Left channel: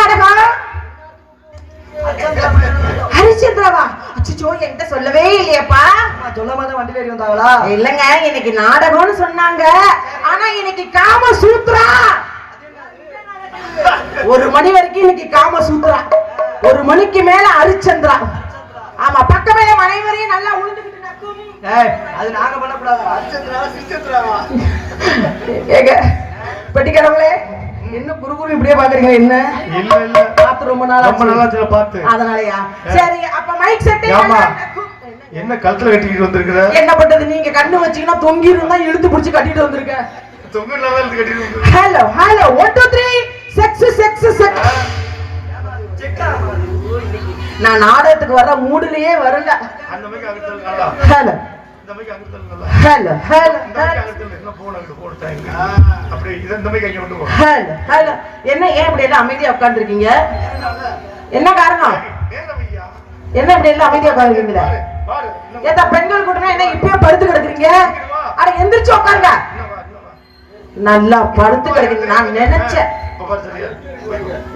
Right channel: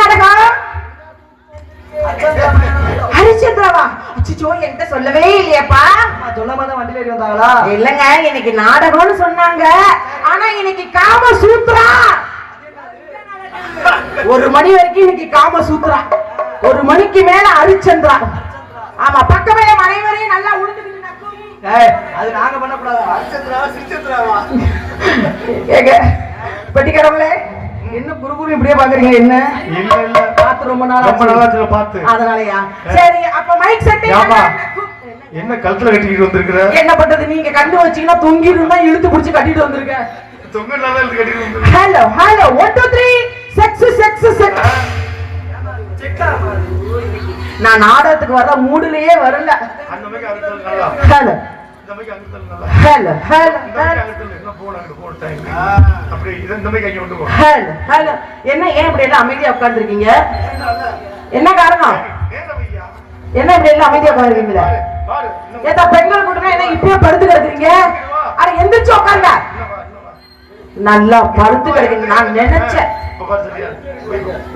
நாடகம்? ஹரிச்சந்திராவா? அச்சோ, என்கிட்ட சொல்லவே இல்லையாப்பா. சொல்லாம வண்டியில ஏறி வந்தாங்களா? இல்லங்க, இன்னைக்கு நாடகம்னு சொன்னாங்க. ஆனா இன்னைக்கு காம சூத்ரா. 1 மணி வரைக்கும் இன்னைக்கு காம சூத்ரா. 1 மணிக்கு மேல ஹரிச்சந்திரா. ஆமா, பக்கமே மனைவரையும் நல்லா உழுந்துக்கிட்டு நக்கும். அது நாங்க பண்ணக்கூடாதா? ஹரிச்சந்திராவா சிரிச்சந்திராவா? ஏங்க பெட்டிக்கடவுளே, என்ன குறுகுறு இப்படியே பாக்குறீங்க? என்ன இல்ல இல்ல, பார்த்து ரொம்ப நாளா பார்த்து. அதனாலயா? சரி, அப்ப மைக் செட் என்ன கழுத்துல கட்டிக்கிட்டு வந்திருக்கிற? என்ன பண்றது, நீங்க கண்டு வச்சீங்கன்னா தொங்கி இருந்தா இழுத்து பிடிச்சு கட்டிட்டு வந்திருக்க. Hello hello 1 2 3 sex sex sex. நான் நாடகத்துக்கு வர மூடுலயே வரல. Hello hello hello hello. என்ன ஏன் இப்படி எல்லாம் அமைதியா உட்கார்ந்து இருக்கீங்க? என்ன காரணம்? என்ன இப்படி எல்லாம் அமைதியா உட்கார்ந்துருக்கீங்களா? ஏதா பெண்கள் கூட்டமே என்ன இப்பயே படுத்து கிடக்குறீங்க? அட எந்திரிச்சு உட்காருங்க. நல்லா படுத்து கிடக்குறீங்க. நான் நினைச்சேன்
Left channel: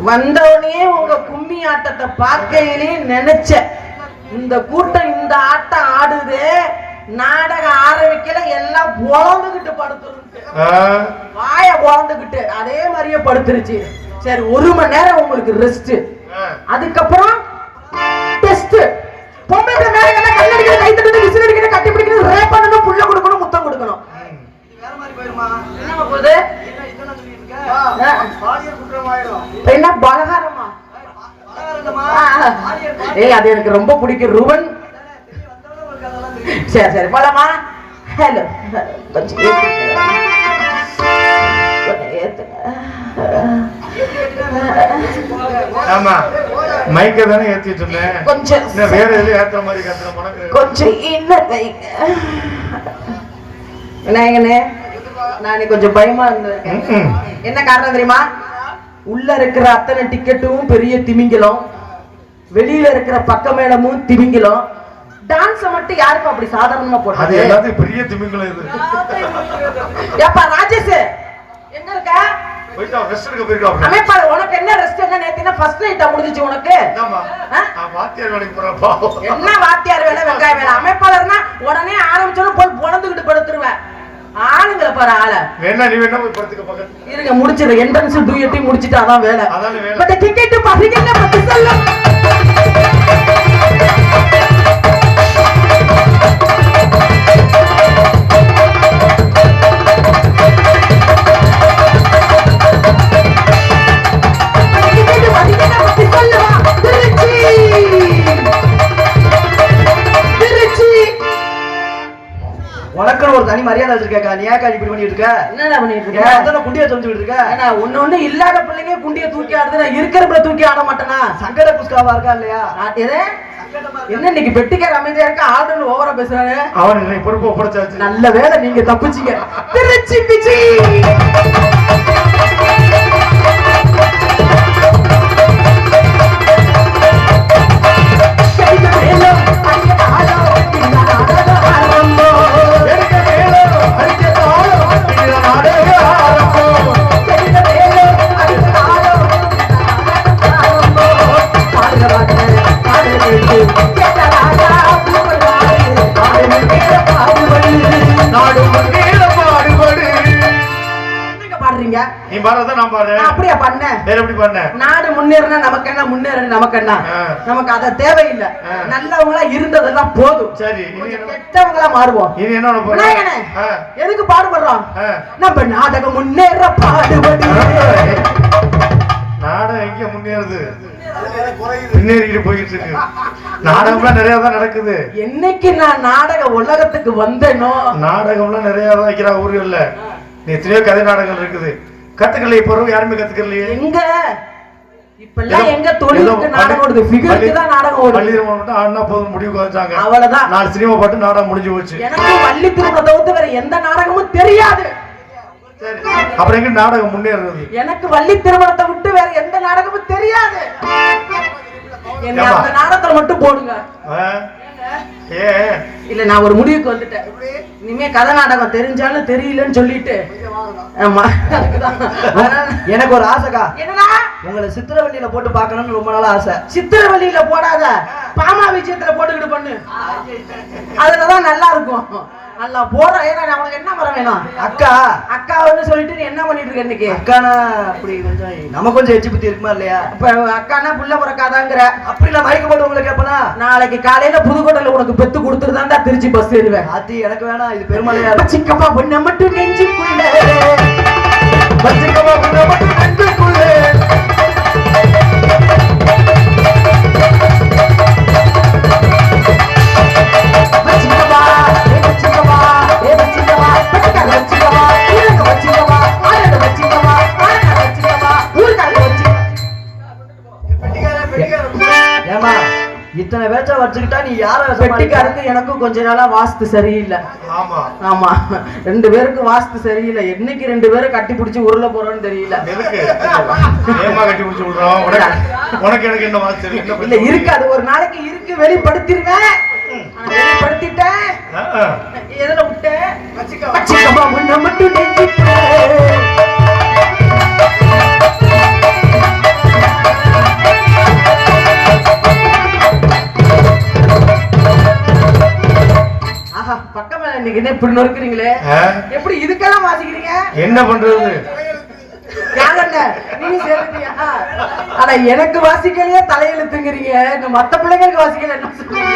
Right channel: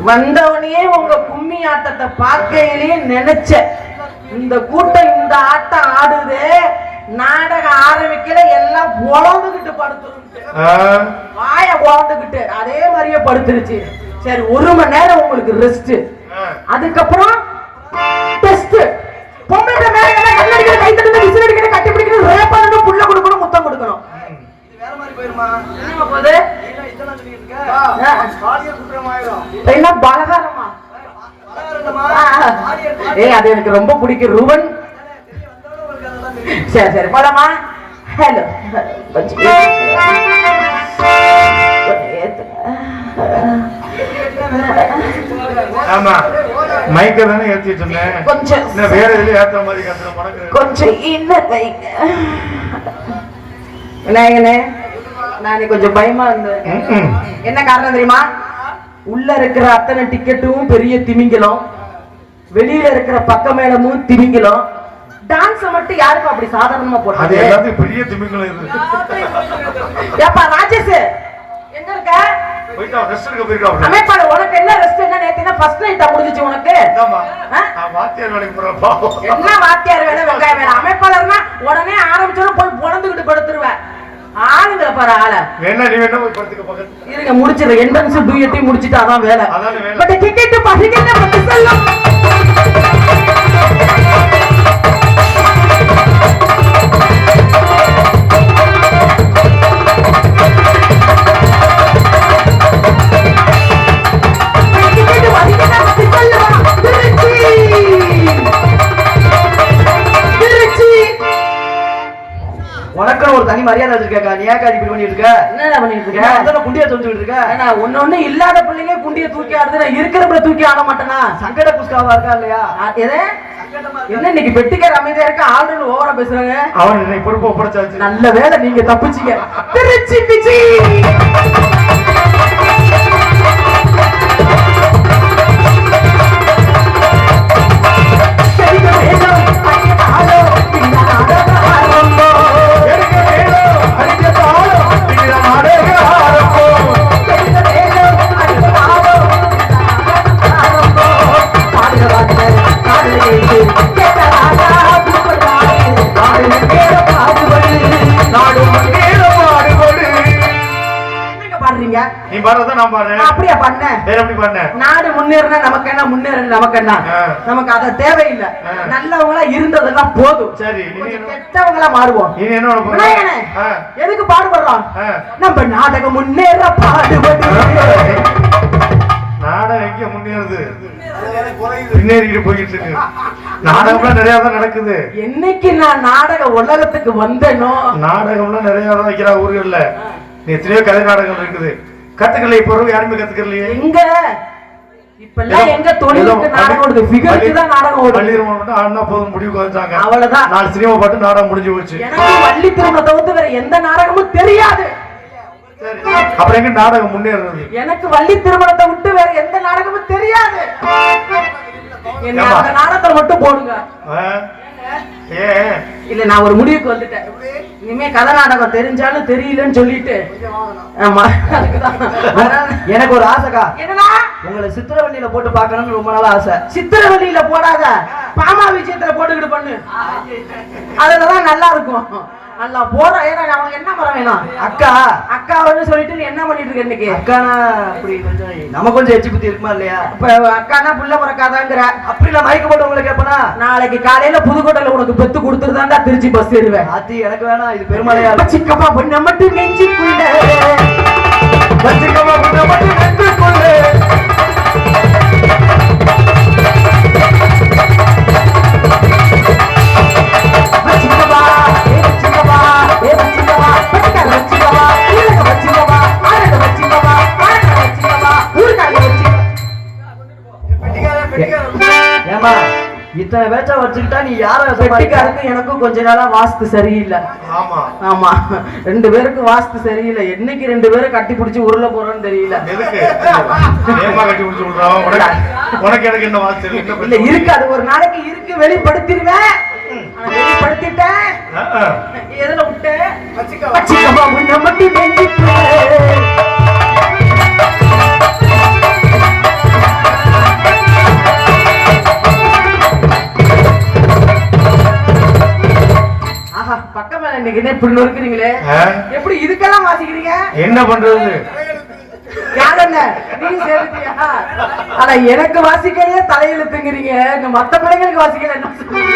வந்தவனே உங்க கும்மி ஆட்டத்தை பார்க்கையிலேயே நினைச்சேன், இந்த கூட்டம் இந்த ஆட்டம் ஆடுது, நாடகம் ஆரம்பிக்கல, எல்லாம் உழந்துகிட்டு படுத்துருக்கு. வாய உழந்துகிட்டு அதே மாதிரியே படுத்துருச்சு. சரி, 1 மணி நேரம் உங்களுக்கு ரெஸ்ட். அதுக்கப்புறம் டெஸ்ட். பொம்பளை மேல கல்லடிக்கிற, கை தட்டுற, விசில் அடிக்கிற, கட்டி பிடிக்கிற, ரேப் பண்ணணும், புள்ள கொடுக்கணும், முத்தம் கொடுக்கணும். வேற மாதிரி போயிருமா? என்னமா போகுது? என்ன பலகாரமா? அது எனக்கு ரொம்ப பிடிக்கும். ரூபன். சரி சரி, போலாமா? ஹலோ ஆமா, மைக்க தானே ஏத்தி சொன்னேன். கொஞ்சம் வேற எதுல ஏத்துற மாதிரி கத்துற கொஞ்சம் இல்ல கைங்க. விநாயகனே, நான் கொஞ்சம் பயமா இருந்தேன். என்ன காரணம் தெரியுமா? உள்ள இருக்கிற அத்தனை டிக்கெட்டும் பெரிய திமிங்கலம், வெளியில இருக்கிற பக்க மேளமும் திமிங்கலம். டான்ஸ் மட்டும் யாருக்கும் அப்படி சாதாரணமா போடுறது? அது எல்லாத்தையும் பெரிய திமிங்கலம் இது. ஏப்பா ராஜேஷ், எங்க இருக்க? போய்டா, ரெஸ்ட் எடுக்க போய்டா. அமேப்பா, உனக்கு என்ன ரெஸ்ட்? என்ன நேத்தினா ஃபர்ஸ்ட் நைட்டா முடிஞ்சிச்சு உனக்கு? ஆமா, வாத்தியார் வேலைக்கு போறா பாவம். என்ன வாத்தியார் வேலை, வெங்காய வேலை? அமேப்பாளர்னா உடனே ஆரம்பிச்சோம் போய் பொளந்துக்கிட்டு படுத்துருவேன். ஆளுங்கள பாரு ஆள. வேணா நீ வேணா போய் படுத்துக்க பக்கத்துல. இருங்க, முடிச்சிரு. என்ட்ரன்ஸ் டூயட்டையும் முடிச்சிட்டு அதான் வேலை. அதான் வேலை. பட் டிக்கெட் பசிக்கல பத்தி செல்லும். உனக்குன்னு ஒரு தனி மரியாதை வச்சிருக்கா, நீ ஏன் இப்படி பண்ணிட்டு இருக்க? என்ன பண்ணிட்டு இருக்க? குண்டிய சொல்லிட்டு இருக்க. ஒண்ணு இல்லாத பிள்ளைங்க குண்டிய தூக்கி ஆடுது, நான் இருக்கிறப்ப தூக்கி ஆட மாட்டேனா? சங்கட புஸ்காவா இருக்கா இல்லையா? எது என்ன இன்னைக்கு பெட்டிக்கார அமைதியா இருக்க, ஆளுநர் ஓவரா பேசுறாங்க. அவன் பொறுப்பு ஒப்படைச்சாச்சு. நல்ல வேலை நீங்க தப்பிச்சீங்க. திருச்சி பிச்சி. நீ பாடுறத நான் பாடுறேன். அப்படியே பண்ண. வேற எப்படி பண்ண? நாடு முன்னேறினா நமக்கு என்ன, முன்னேறினா நமக்கு என்ன? நமக்கு அத தேவையில்லை. நல்லவங்களா இருந்ததெல்லாம் போதும். சரி, கெட்டவங்களா மாறுவோம். நீ என்ன விநாயகனே, எதுக்கு பாடுபடுறோம்? நம்ம நாடகம் முன்னேற பாடுபடு. நாடகம் எங்க முன்னேறுது? முன்னேறிட்டு போயிட்டு இருக்கு. நாடகம்லாம் நிறைய தான் நடக்குது. என்னைக்கு நான் நாடக உலகத்துக்கு வந்தேனோ, நாடகம்லாம் நிறைய தான் வைக்கிறா ஊர்கள்ல. எத்தனையோ கதை நாடகம் இருக்குது. கத்துக்கல, இப்ப யாருமே கத்துக்கலையே. எங்க இப்பெல்லாம் எங்க தொழிலுக்கு நாடகம் ஓடுது, ஃபிகருக்கு தான் நாடகம் ஓடுது. பள்ளியில மட்டும் ஆனா போதும் முடிவுக்கு வந்துட்டாங்க. அவ்வளவுதான். 4 சினிமா பாட்டு நாடகம் முடிஞ்சு போச்சு. எனக்கு வள்ளி திருமணத்தை தவிர்த்து வேற எந்த நாடகமும் தெரியாது. சரி, அப்புறம் எங்க நாடகம் முன்னேறுறது? எனக்கு வள்ளி திருமணத்தை விட்டு வேற எந்த நாடகமும் தெரியாது. என்ன அந்த நாடகத்தை மட்டும் போடுங்க. இல்ல, நான் ஒரு முடிவுக்கு வந்துட்டேன். இனிமே கதை நாடகம் தெரிஞ்சாலும் தெரியலன்னு சொல்லிட்டு ஆமா அதுக்குதான். எனக்கு ஒரு ஆசைக்கா, என்னடா உங்களை சித்திரவள்ளியில போட்டு பார்க்கணும்னு ரொம்ப நாள் ஆசை. சித்திரவழியில போடாத, பாமா விஷயத்துல போட்டுக்கிட்டு பண்ணு, அதுலதான் நல்லா இருக்கும். நல்லா போற ஏன்னா அவங்க என்ன மரம் வேணும் அக்கா அக்கா வந்து சொல்லிட்டு நீ என்ன பண்ணிட்டு இருக்க இன்னைக்கு? அக்கானா அப்படி கொஞ்சம் நம்ம கொஞ்சம் எச்சி புத்தி இருக்குமா இல்லையா? இப்ப அக்கானா புள்ள பிறக்காதாங்கிற அப்படி நான் மயக்க போட்டு உங்களுக்கு கேப்பனா, நாளைக்கு காலையில புதுக்கோட்டையில உனக்கு பெத்து கொடுத்துருதாண்டா திருச்சி பஸ் ஏறுவேன். அது எனக்கு வேணாம், இது பெருமலையா சிக்கப்பா பொண்ணு மட்டும் நெஞ்சுக்குள்ள வச்சிக்கமா புண்ண மட்டும் நெஞ்சுக்குள்ளே. வச்சிக்கப்பா, ஏ வச்சிக்கப்பா, ஏ வச்சிக்கப்பா, பட்டிக்கால வச்சிக்கப்பா, கீழங்க வச்சிக்கப்பா, ஆரங்க வச்சிக்கப்பா, ஆரங்க வச்சிக்கப்பா, ஊருக்கால வச்சி. ஏமா இத்தனை வேச்சா வச்சுக்கிட்டா நீ யார பெட்டிக்காரங்க எனக்கும் கொஞ்ச நாளா வாஸ்து சரியில்லை. ஆமா ஆமா, 2 பேருக்கு வாஸ்து சரியில்லை. என்னைக்கு 2 பேரும் கட்டி பிடிச்சி உருள போறோம்னு தெரியல. எதுக்கு ஏமா கட்டி பிடிச்சு விடுறோம்? உனக்கு எனக்கு என்ன வாசி இல்ல இருக்கு, அது ஒரு நாளைக்கு இருக்கு, வெளிப்படுத்திடுவேன். வெளிப்படுத்திட்டேன். எதுல விட்டேன்? வச்சிக்கப்பா உன்னை மட்டும் நெஞ்சுக்குள்ளே. ஆஹா, பக்கம் மேல இன்னைக்கு என்ன இப்படி நொறுக்குறீங்களே? எப்படி இதுக்கெல்லாம் வாசிக்கிறீங்க? என்ன பண்றது? யாருங்க நீங்க சேர்ந்துட்டியா? ஆனா எனக்கு வாசிக்கலையே தலையெழுத்துங்கிறீங்க, இந்த மத்த பிள்ளைங்களுக்கு வாசிக்கல என்ன சொல்றீங்க?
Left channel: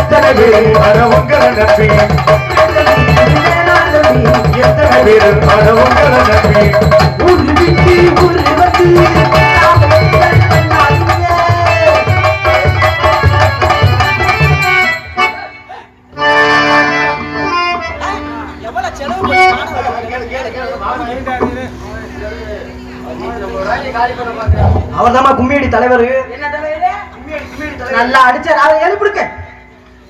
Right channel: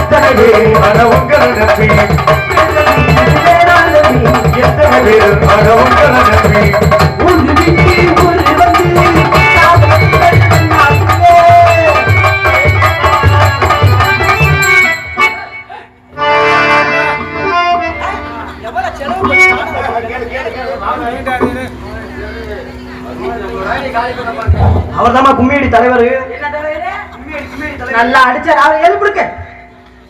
எத்தனை பேர் அட உங்களை நம்பி, எத்தனை பேர் அட உங்களை நம்பி. அவர் தான் கும்மியடி தலைவர். நல்லா அடிச்சார் அவர் எழுப்பிடுக்க.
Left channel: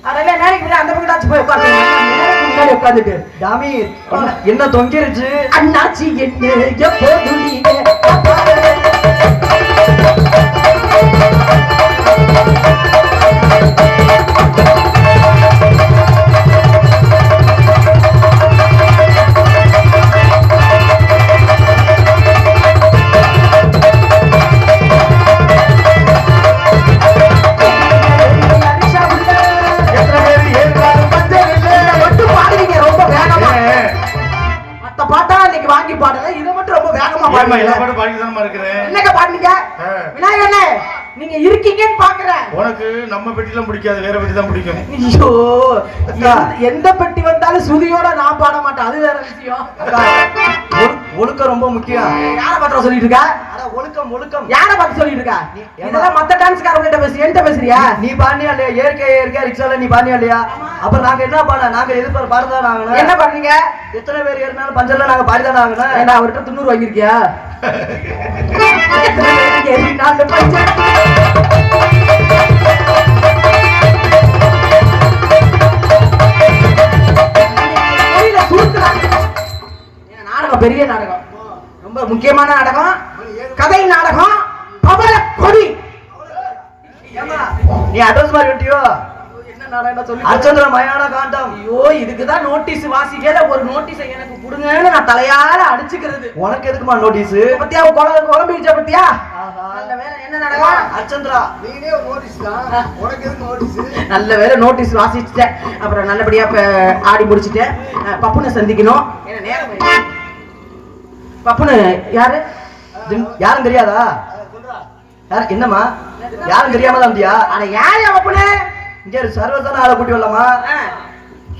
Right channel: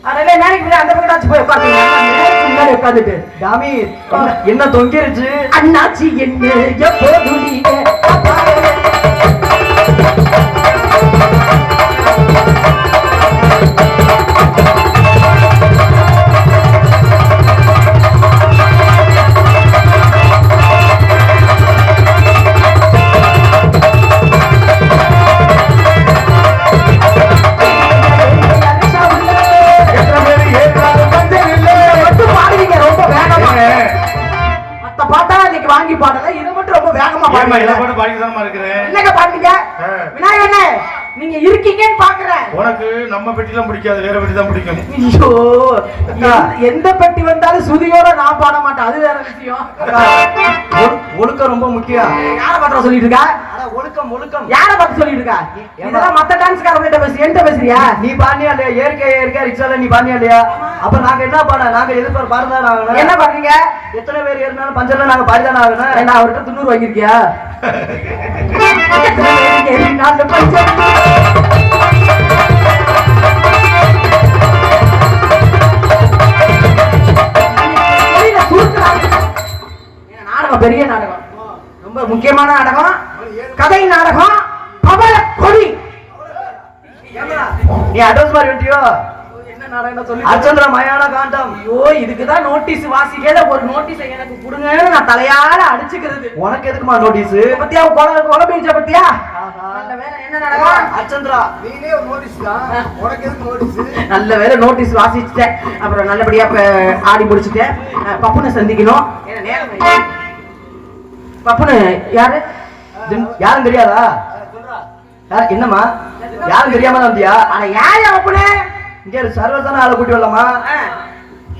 அதெல்லாம் நேரத்துக்கு அந்த பக்கத்தாச்சு போய் உட்கார்ந்துங்க. முன்னாடி உட்கார்ந்துட்டு டாமி என்ன தொங்கிருச்சு? அண்ணாச்சி என்ன எப்போது நீங்க நீங்க இருக்கீங்கன்னு பாக்குறேன். உனக்கு நம்ம பெட்டி தான் பிடிக்காது, வேற பெட்டி தான் பிடிக்கும். ஐயோ, எந்த பெட்டி வந்தாலும் சுதியோட நான் பாட மாட்டேன், அது வேற விஷயம். ஒழுக்கம் ரொம்ப முக்கியம். யார பத்திரம் சொல்லிட்டு இருக்கா? ஒழுக்கம் ஒழுக்கம் யார பத்தி சொல்லிட்டு இருக்கா? இதெல்லாம் மத்த டான்ஸ்காரங்க பேசி என்கிட்ட பேசுறியா? நீ பாண்டியா இல்லையா? இயற்கை ரிக்ஷால நீ பாண்டியா இல்லையா? அப்ப நாங்க என்ன பண்ண? நாங்க எதிர்ப்பு பாடுதான் ஆகணும். என்ன பண்றீங்க? எத்தனை பேர் ஏறினாலும் பஞ்சர்ல நாங்க பாடிதான் ஆகணும். என்ன அவர்கிட்ட 90 வாங்கிருக்கியா? எத்தனை பேருக்கு ஏறினாலும் பஞ்சர். நாடகம் பெரிய நாடகம், ரொம்ப முக்கியமான நாடகம், கதை நாடகம், பவள கொடி. நீ அட்வான்ஸ் மாதிரி வெட்டியோ? என்ன நாடகம் சொல்லி? அர்ச்சந்திர மயான காண்டம். ஐயோ, இதுக்குதான் நோட்டீஸ் வாசிக்கல. ஒரு நோட்டீஸ் எனக்கு கொடுங்கன்னு நான் தலையால அடிச்சுக்கிறது. உனக்கு எதுக்குமா நோட்டீஸ்? பத்தியா குழம்பீச்ச பத்தியா? நல்ல வேலை. என்ன நாடகம்? அர்ச்சந்திரா நீனே ஒரு நோட்டீஸ் தான், உனக்கு எதுக்கு நோட்டீஸ்? நல்ல வேலை நோட்டீஸ் வாசிச்சுட்டேன். அப்புறம் நல்லபடியா ஆடி முடிச்சுட்டேன். பப்புனை சந்திக்கணும். என்ன நேரம்? பப்புனு யாரு? யாரும் தெரியாதா? என்னம்மா யாரும் தெரியாம தான் வந்தியா? ஆனா யாரு பப்புனு? இங்க சர்வதான ஆளை கூட்டி வரலாமா?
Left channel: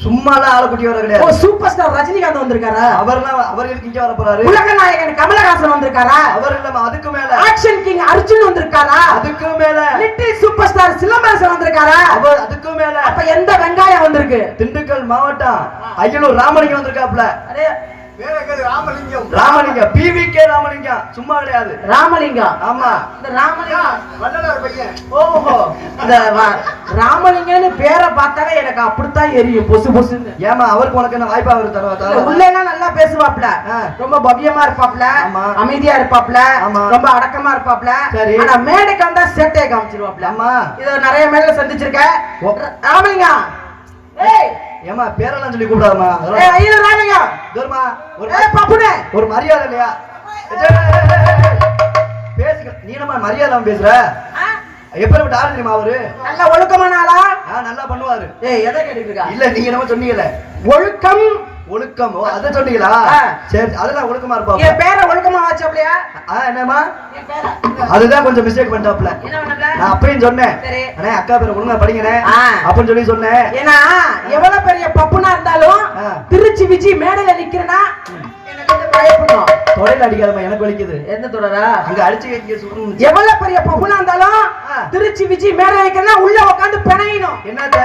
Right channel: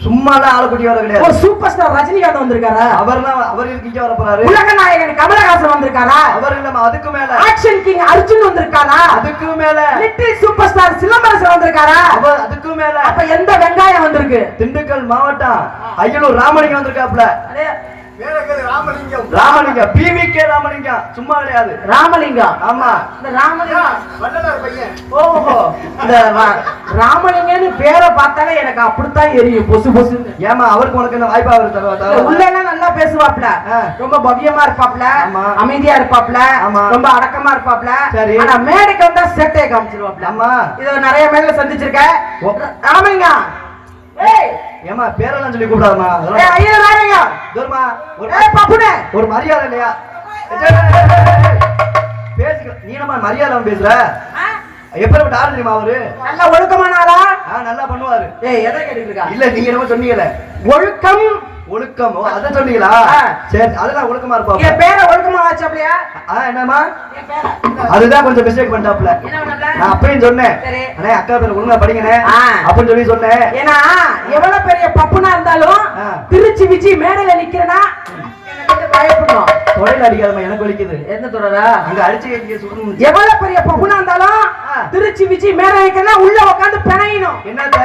சும்மா தான் ஆளை கூட்டி வர கிடையாது. சூப்பர் ஸ்டார் ரஜினிகாந்த் வந்திருக்காரா? அவர் இங்க வர போறாரு. உலக நாயகன் கமலஹாசன் வந்திருக்காரா? அவர் இல்லம்மா, அதுக்கு மேல ஆக்ஷன் கிங் அர்ஜுன் வந்திருக்காரா? அதுக்கு மேல லிட்டில் சூப்பர் ஸ்டார் சிலம்பரசன் வந்திருக்காரா? அவர் அதுக்கு மேல. அப்ப எந்த வெங்காயம் வந்திருக்கு? திண்டுக்கல் மாவட்டம் அய்யலூர் ராமலிங்கம் வந்திருக்காப்ல. ராமலிங்கம் பிவிகே ராமலிங்கம் சும்மா கிடையாது. ராமலிங்கம். ஆமா இந்த ராமலிங்கம் ஓஹோ இந்த ராமலிங்கம்னு பேரை பார்த்தாலே எனக்கு அப்படித்தான் எரியும் பொசு பொசுன்னு. ஏமா அவருக்கு உனக்கு என்ன வாய்ப்பா அவரு தருவா? உள்ள எல்லாம் நல்லா பேசுவாப்ல, ரொம்ப பவ்யமா இருப்பாப்ல, அமைதியா இருப்பாப்ல, ரொம்ப அடக்கமா இருப்பாப்ல. ஆனா மேடைக்கு வந்தா சேட்டையை காமிச்சிருவாப்ல. ஆமா இத நிறைய மேடையில சந்திச்சிருக்கேன். ராமலிங்கம் ஏய் ஏமா பேரெல்லாம் சொல்லி கூப்பிடாதமா. ஏய் ஐயோ ராமலிங்கம் தூரமா ஏய் பாப்புனே ஒரு மரியாதை இல்லையா? பேசுங்க நீ நம்ம மரியாதை பேசுற. எப்படிப்பட்ட ஆள் தெரியுமா அவரு? நல்ல ஒழுக்கமான ஆளா? நல்லா பண்ணுவாரு. ஏய் எதை கேட்டுருக்கா? இல்ல நீங்க நம்ம சொன்னீங்கல ஒழுக்கம் ஒழுக்கம் அத சொன்னீங்களா? சரி அதெல்லாம் ஒழுக்கமா இருப்பா. என் பேரை ஒழுக்கமா வாச்சப்லையா? என்னமா அதுதான் கொஞ்சம் மிஸ்டேக் பண்ணிட்டாப்ல. நான் அப்பயும் சொன்னேன் அண்ணே அக்கா பேர் ஒழுங்கா படிங்கனே அப்படின்னு சொல்லி சொன்னேன். ஏன்னா எவ்வளவு பெரிய பப்புனா இருந்தாலும் திருச்சி விஜி மேடையில நிக்கிறனா பயப்படணும். தொடையில அடிக்காதமா எனக்கு வலிக்குது. என்ன தொடரா அங்க அடிச்சு வைக்க சுத்தம். எவ்வளவு பெரிய பப்புனா இருந்தாலும் திருச்சி விஜி மேடையில நிக்கிறனா உள்ள உட்கார்ந்து பிணையணும். என்னத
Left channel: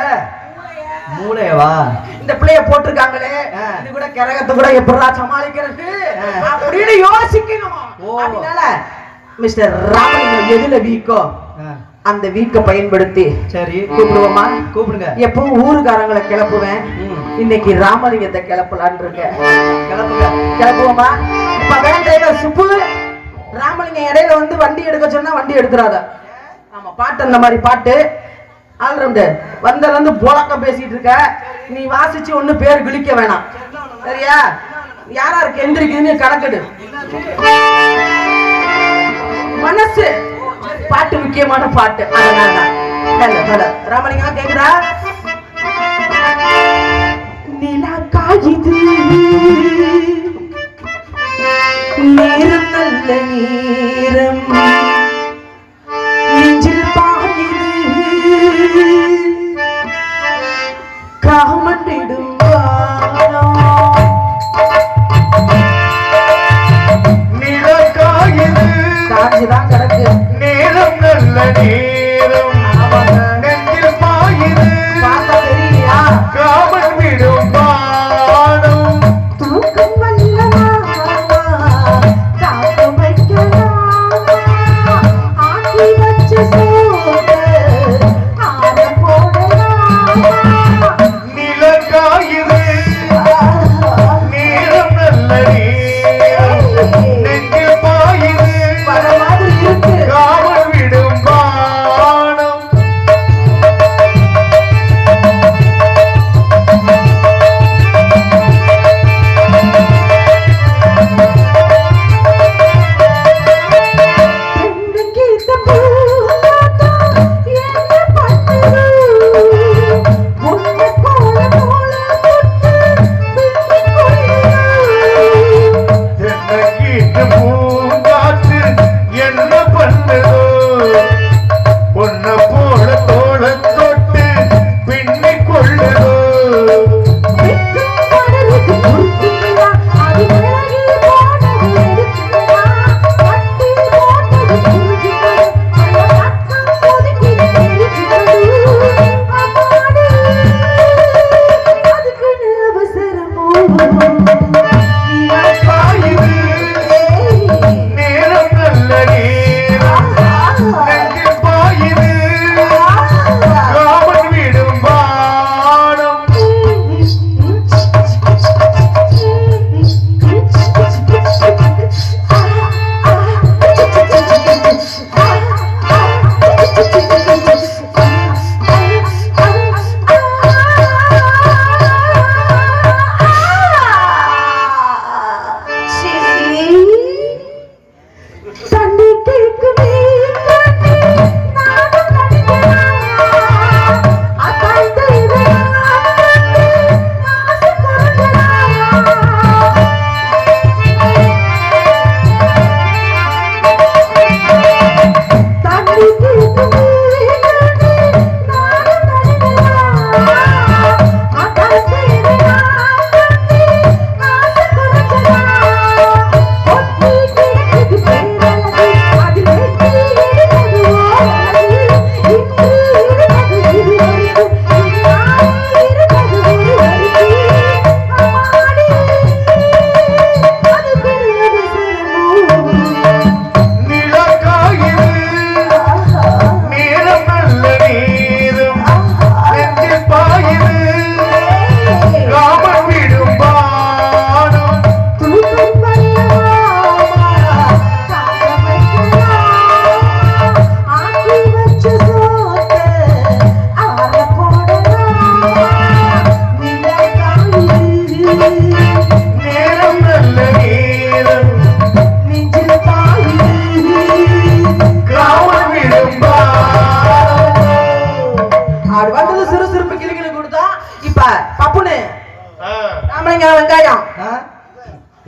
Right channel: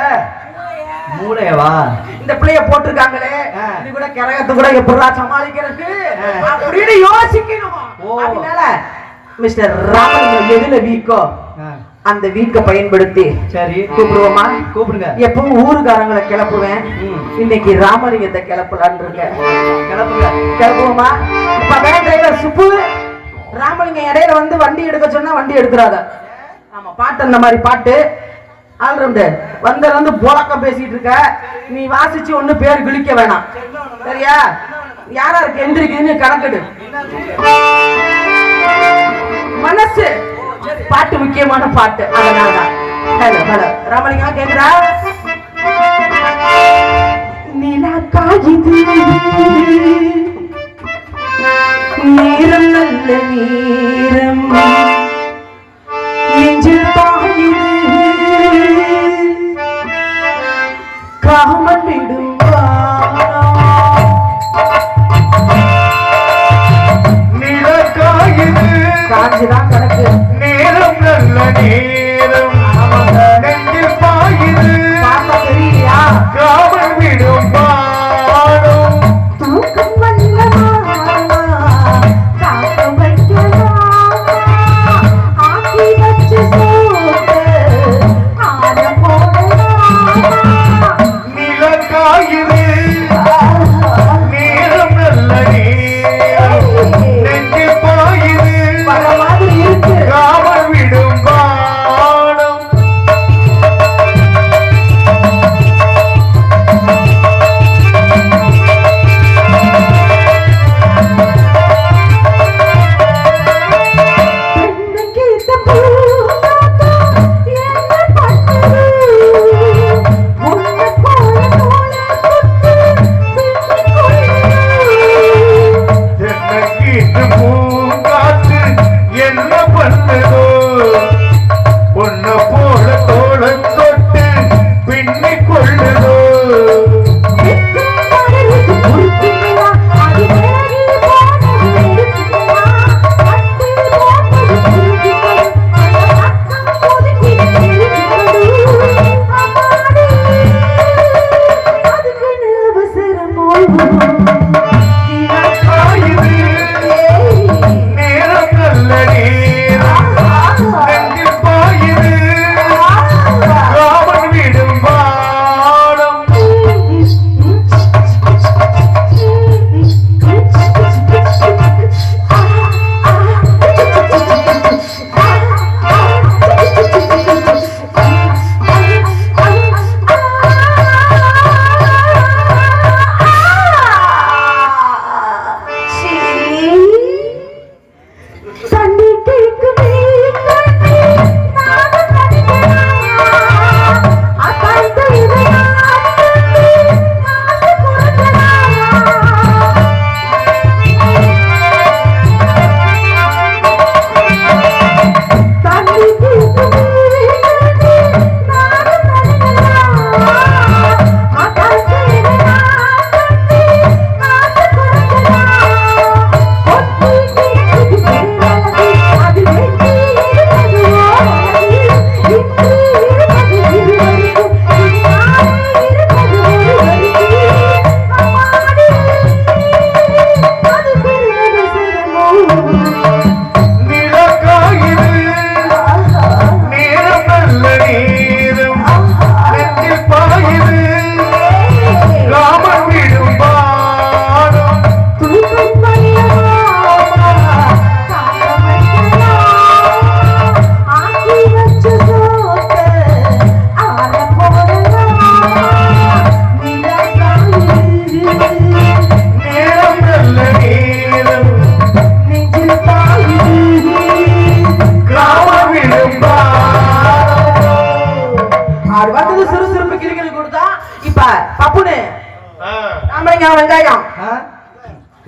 மூளையவா இந்த பிள்ளைய போட்டுருக்காங்களே இது கூட கரகத்தை கூட எப்படா சமாளிக்கிறது அப்படின்னு யோசிக்கணும். அதனால மிஸ்டர் ராமலிங்கம் எதுல வீக்கோ அந்த வீக்க பயன்படுத்தி சரி கூப்பிடுவோமா? கூப்பிடுங்க. எப்பவும் ஊருக்காரங்களை கிளப்புவேன், இன்னைக்கு ராமலிங்கத்தை கிளப்பலான் இருக்கேன். கிளப்புங்க கிளப்புவோமா? இப்ப வேன் சுப்பு ராமலிங்கம் இடையில வந்து வண்டி எடுக்க சொன்னா வண்டி எடுக்கிறாத. ஆமா பாட்டு அந்த மாதிரி பாட்டு ஆல்ரவுண்டர் வந்து போலக்கம் பேசிட்டு இருக்க. நீ வாசிச்சு ஒண்ணு பேர் கிழிக்க வேணாம் சரியா? யாரா இருக்கு எந்திரிக்குதுன்னு கணக்கெடு. மனசு பாட்டு முக்கியமான பாட்டு. அதனால ராமலிங்கம் கேக்குறா நிலா காயுது நேரம் நல்ல நேரம் நெஞ்சில் பாயுது காமன் விடும் காஞ்சுதான் கிடக்கு நேரம் நல்ல நேரம் நெஞ்சில் பாயுது பார்த்தா தெரியலையா? காவல் விடும் பாடம்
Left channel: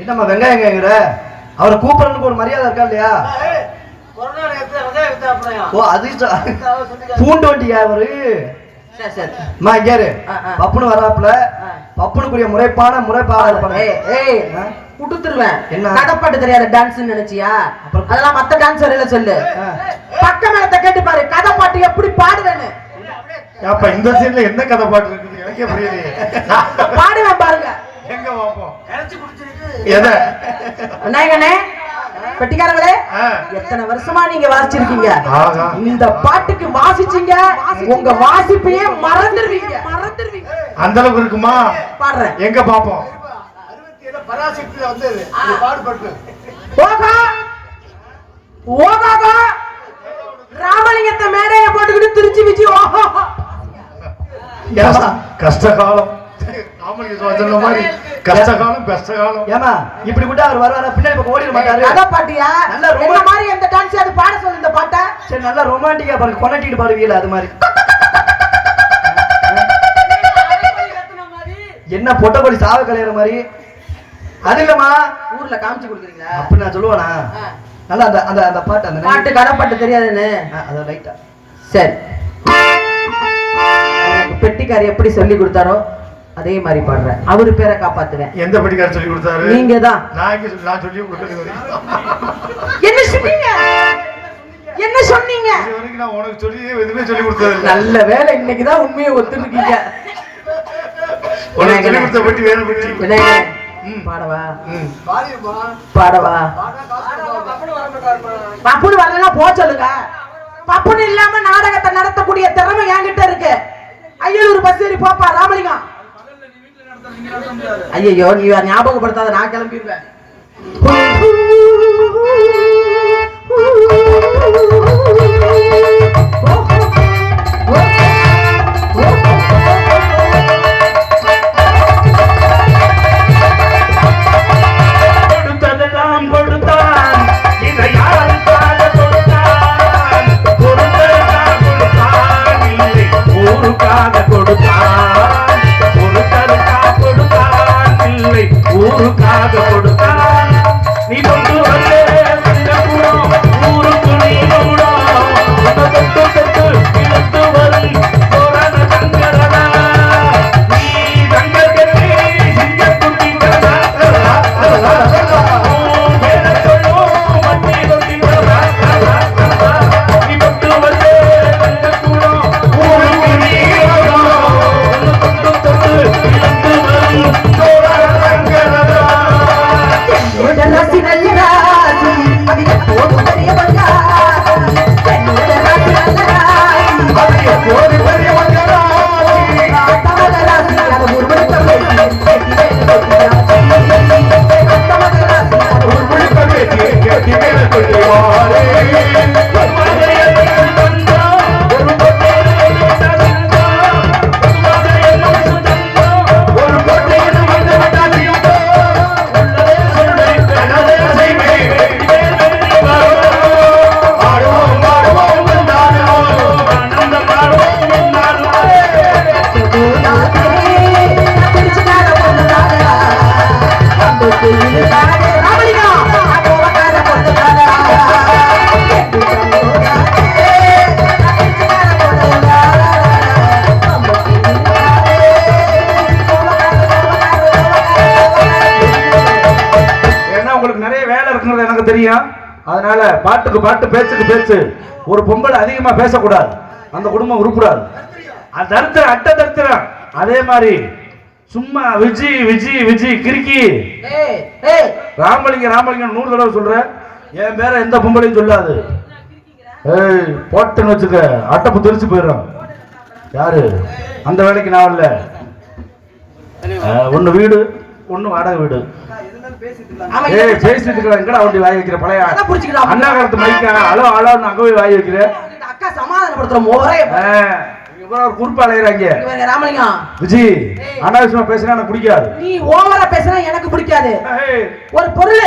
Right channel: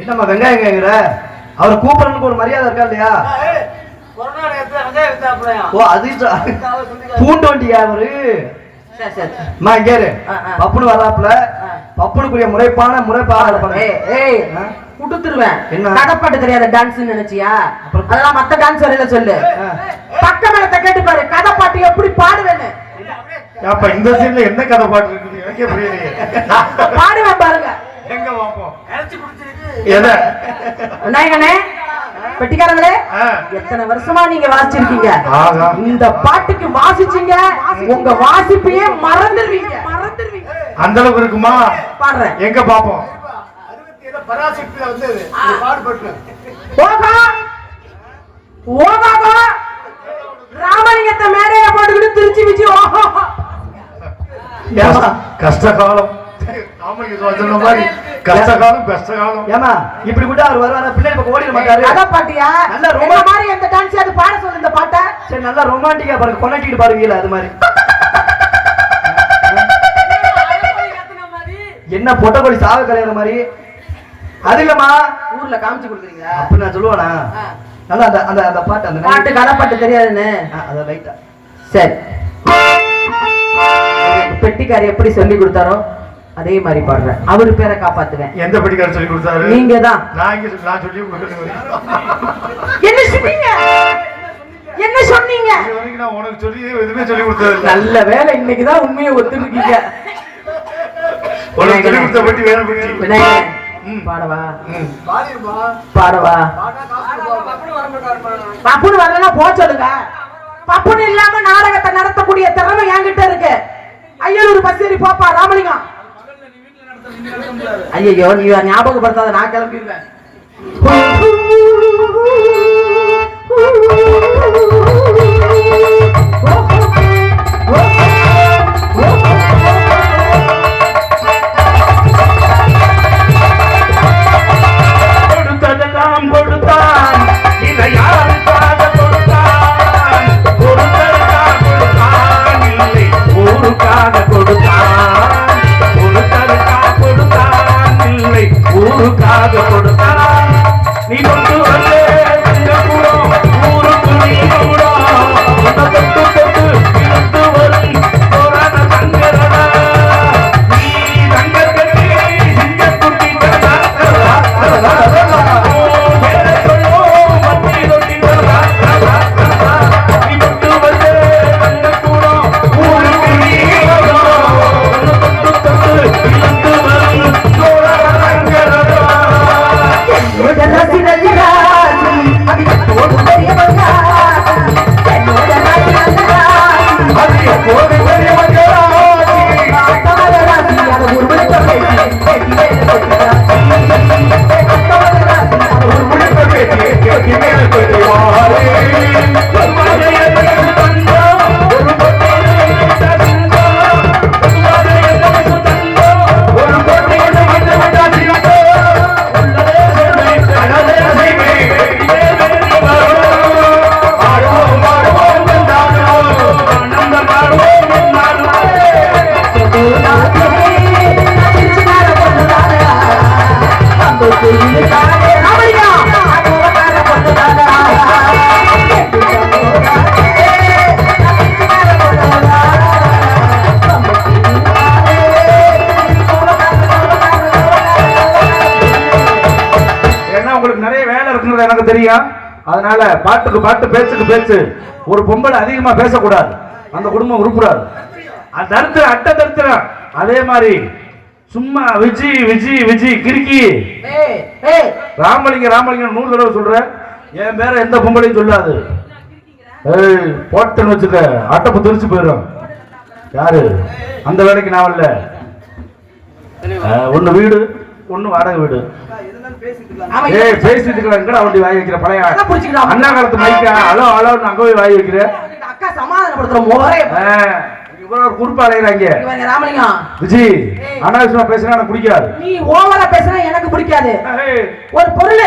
என்னம்மா வெங்காயம் கேக்குற? அவர் கூப்பிடறதுக்கு ஒரு மரியாதை இருக்கா இல்லையா? ஓ அது பூண்டு வண்டியா அவரு? நான் கேரு பப்புனு வர்றாப்புல பப்புனுக்குரிய முறைப்பாடு குடுத்துருவேன். என்ன கதைப்பாட்டு தெரியாத டான்ஸ் நினைச்சியா? அதெல்லாம் மத்த டான்ஸ் வரையில சொல்லு. பக்க மேலத்தை கேட்டு பாரு கதைப்பாட்டு எப்படி பாடுவேன்னு. அப்ப இந்த சீன்ல என்ன கதை பாட்டு இருக்குது எனக்கே புரியலையே. பாடுவேன் பாருங்க. எங்க பாப்போம். எதை நாயகனே பெட்டிக்காரங்களே எத்தனை வருஷமா நீங்க வாசிச்சிருக்கீங்க. இந்த பாட்டுக்கு வாசிச்சீங்க உங்க வாசிப்பையே மறந்துடுவீங்க. அந்த அளவுக்கு இருக்குமா? பாடுறேன் எங்க பாப்போம். பராசக்தியில வந்து பாடுபட்டு ராமலிங்கத்தை மேடைய போட்டுக்கிட்டு திருச்சி விச்சு கஷ்ட காலம் கஷ்ட காலம் கஷ்ட காலம். ஏமா இப்படி கூட அவர் வர பின்னாடி ஓடிட மாட்டாரு. அத பாட்டியா நல்ல ரொம்ப மாதிரி எந்த டான்ஸ் அது பாட சொல்லு இந்த பாட்டை. சரி நல்லா ரொமான்டிக்கா பாருங்க கொனட்டிட்டு பாருவீல அது மாதிரி. என்ன பொட்டக்கோழி சாவு கலையிற மாதிரி அது இல்லம்மா ஊர்ல காமிச்சு கொடுக்குறீங்களா? அப்படி நான் சொல்லுவானா? நல்லா அந்த அந்த அந்த பாட்டு அந்த பாட்டு கதைப்பாட்டு தெரியாதுன்னு அத லைட்டா சரி பெட்டிக்காரி எப்படி சொல்லி கொடுத்தாரோ அதே மாதிரி பாடுறேன். அவரு பேரை காப்பாத்துவேன். எந்த பெட்டிக்காரர் சொல்லி கொடுத்தாரு? நீங்க தான். நான் சொல்லி கொடுக்கிறேன். என்ன சொன்னீங்க? என்ன சொன்னீங்க? இதுவரைக்கும் நான் உனக்கு சொல்லி எதுவுமே சொல்லி கொடுத்தது நல்ல வேலை இன்னைக்கு தான் உண்மையை ஒத்துருக்கீங்க. உனக்கு சொல்லி கொடுத்த பெட்டி வேற பெட்டி. பாடவா பாடவா பப்புனு வரலன்னா போ சொல்லுங்க. பப்புனு இல்லாம நாடகத்தை நடத்தக்கூடிய திறமை என்கிட்ட இருக்கு. ஐயலூர் பஸ் ஏறி போப்பா ராமலிங்கம். ஐயோ நீ ஞாபகப்படுத்தாத நான் கிளம்பிடுவேன். தெரியும். அதனால பாட்டுக்கு பாட்டு பேச்சுக்கு பேச்சு. ஒரு பொம்பளை அதிகமா பேசக்கூடாது, அந்த குடும்பம் உருப்படாது. தரித்திரம் அட்ட தரித்திரம். அதே மாதிரி சும்மா விஜி விஜி விஜி கிறுக்கி ராமலிங்க ராமலிங்க 100 தடவை சொல்ற. என் பேர எந்த பொம்பளையும் சொல்லாது. போட்டுன்னு வச்சுக்க, அட்டப்பு தெரிச்சு போயிடும். யாரு அந்த வேலைக்கு நான் இல்ல. ஒண்ணு வீடு ஒண்ணு வாடகை வீடு. பேசிட்டு இருக்க அவண்டி வாய் வைக்கிற பழைய அண்ணா காலத்து மைக்கா அலோ அலோ அங்க போய் வாய் வைக்கிற. அக்கா சமாதானப்படுத்துற ஒரு குறுப்பு அலையறாங்க. ராமலிங்கம் விஜி அனாவசியமா பேசுனா எனக்கு பிடிக்காது. நீ ஓவரா பேசுனா எனக்கு பிடிக்காது. ஒரு பொருள்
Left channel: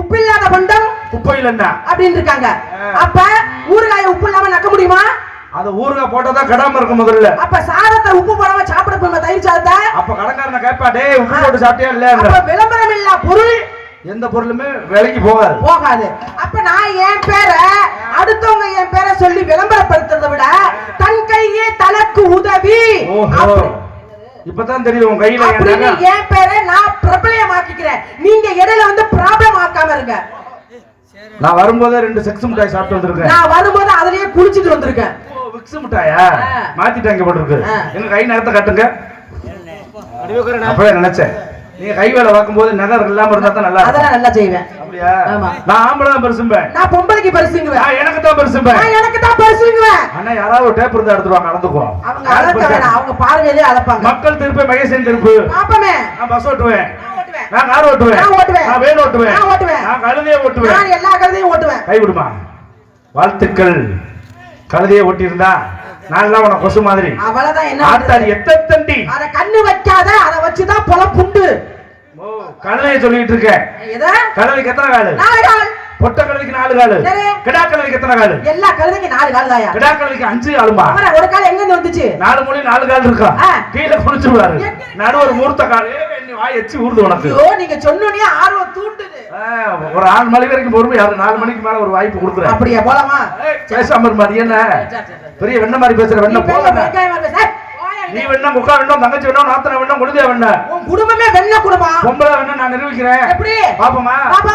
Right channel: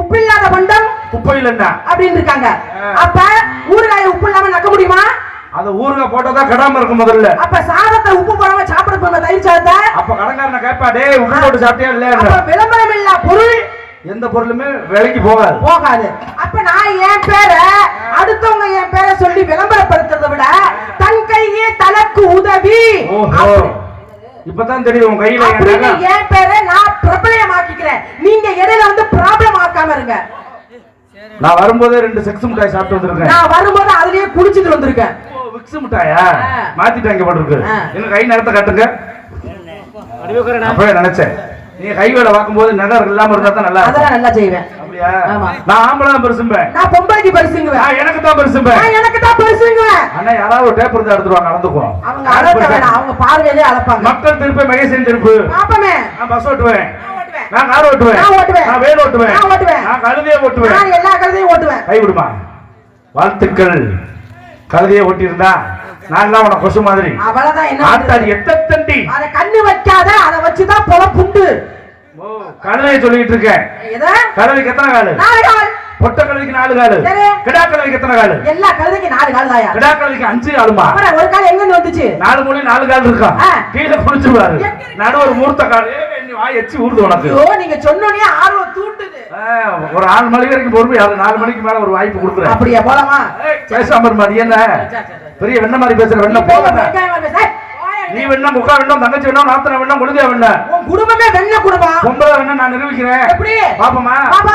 உப்பில்லாத பண்டம் குப்பையில் என்ன அப்படின்னு இருக்காங்க. அப்ப ஊறுகாய உப்பு இல்லாம நக்க முடியுமா? அது ஊறுகாய் போட்டாதான் கடாம இருக்கும் முதல்ல. அப்ப சாதத்தை உப்பு போடாம சாப்பிட போய் தயிர் சாதத்தை அப்ப கடங்காரனை கேட்பா, டேய் உப்பு போட்டு சாப்பிட்டியா இல்ல? விளம்பரம் இல்ல பொருள் எந்த பொருளுமே விலைக்கு போகாது. அப்ப நான் என் பேரை அடுத்தவங்க என் பேரை சொல்லி விளம்பரப்படுத்துறதை விட தன் கையே தனக்கு உதவி. இப்பதான் தெரியும் உன் கையில என் பேரை நான் பிரபலமாக்கிக்கிறேன். நீங்க இடையில வந்து ப்ராப்ளம் ஆக்காம இருங்க. நான் வரும்போதே 2 செக்ஸ் மிட்டாய் சாப்பிட்டு வந்திருக்கேன். நான் வரும்போது அதுலயே குளிச்சிட்டு வந்திருக்கேன். விக்ஸ் மிட்டாயா மாத்திட்டாங்க போட்டுருக்கு. என்ன கை நேரத்தை காட்டுங்க. அப்படியே நினைச்சேன் நீ கை வேலை பார்க்கும்போது நகர் இல்லாம இருந்தா தான் நல்லா. அதெல்லாம் நல்லா செய்வேன். அப்படியா? நான் ஆம்பளை தான் பெருசும்பேன். நான் பொம்பளைக்கு பெருசுங்குவேன். எனக்கு தான் பெருசும்பேன். எனக்கு தான் பெருசுங்குவேன். அண்ணா யாராவது டேப் இருந்தா எடுத்துருவாங்க நடந்துக்குவோம். அவங்க அளப்பாங்க. அவங்க பார்வையிலே அளப்பாங்க. மக்கள் திருப்பி மகேசன் திருப்பு. பாப்பமே. நான் பஸ் ஓட்டுவேன். நான் கார் ஓட்டுவேன். நான் வேன் ஓட்டுவேன். நான் கழுதையை ஓட்டுவேன். நான் எல்லா கழுதையும் ஓட்டுவேன். கை விடுமா. வாழ்த்துக்கள். கழுதையை ஓட்டியிருந்தா நான் தான் உனக்கு கொசு மாதிரி. அவ்வளவுதான். என்ன ஆத்தாடி எத்தண்டி அத கண்ணு வைக்காத. அத வச்சுதான் பொலப்புண்டு. கழுதையை சொல்லிட்டு இருக்கேன். கழுதைக்கு எத்தனை காலு? 4 கால். பொட்ட கழுதைக்கு 4 காலு. கிடா கழுதைக்கு எத்தனை காலு? எல்லா கழுதைக்கு 4 கால் தாயா. கிடா கழுதைக்கு 5 காலுமா? அப்புறம் ஒரு கால் எங்க இருந்து வந்துச்சு? 4 மூலை 4 கால் இருக்கா? கீழே புடிச்சுவாரு. நடு ஒரு மூர்த்த காலு. நீ வாய் எச்சி ஊர்ந்து உனக்கு. ஓ நீங்க சொன்னோனே ஆர்வம் தூண்டுது. ஒரு 6 மணி வரைக்கும் பொறுமை. 4 மணிக்கு மேல ஒரு வாய்ப்பு கொடுக்குறேன். அப்படியே போலாமா? பேசாம மாதிரி என்ன பெரிய வெண்ண மாதிரி பேசுற வெண்ண போக. நீ வேணா முக்கா வேணும், தங்கச்சி வேணும், நாத்தனை வேணும், குடுதியா வேணும். உன் குடும்பமே வெண்ண குடும்பம். பொம்பளை வேணும் நான் நிரூபிக்கிறேன். எப்படி பாப்போமா? பாப்பா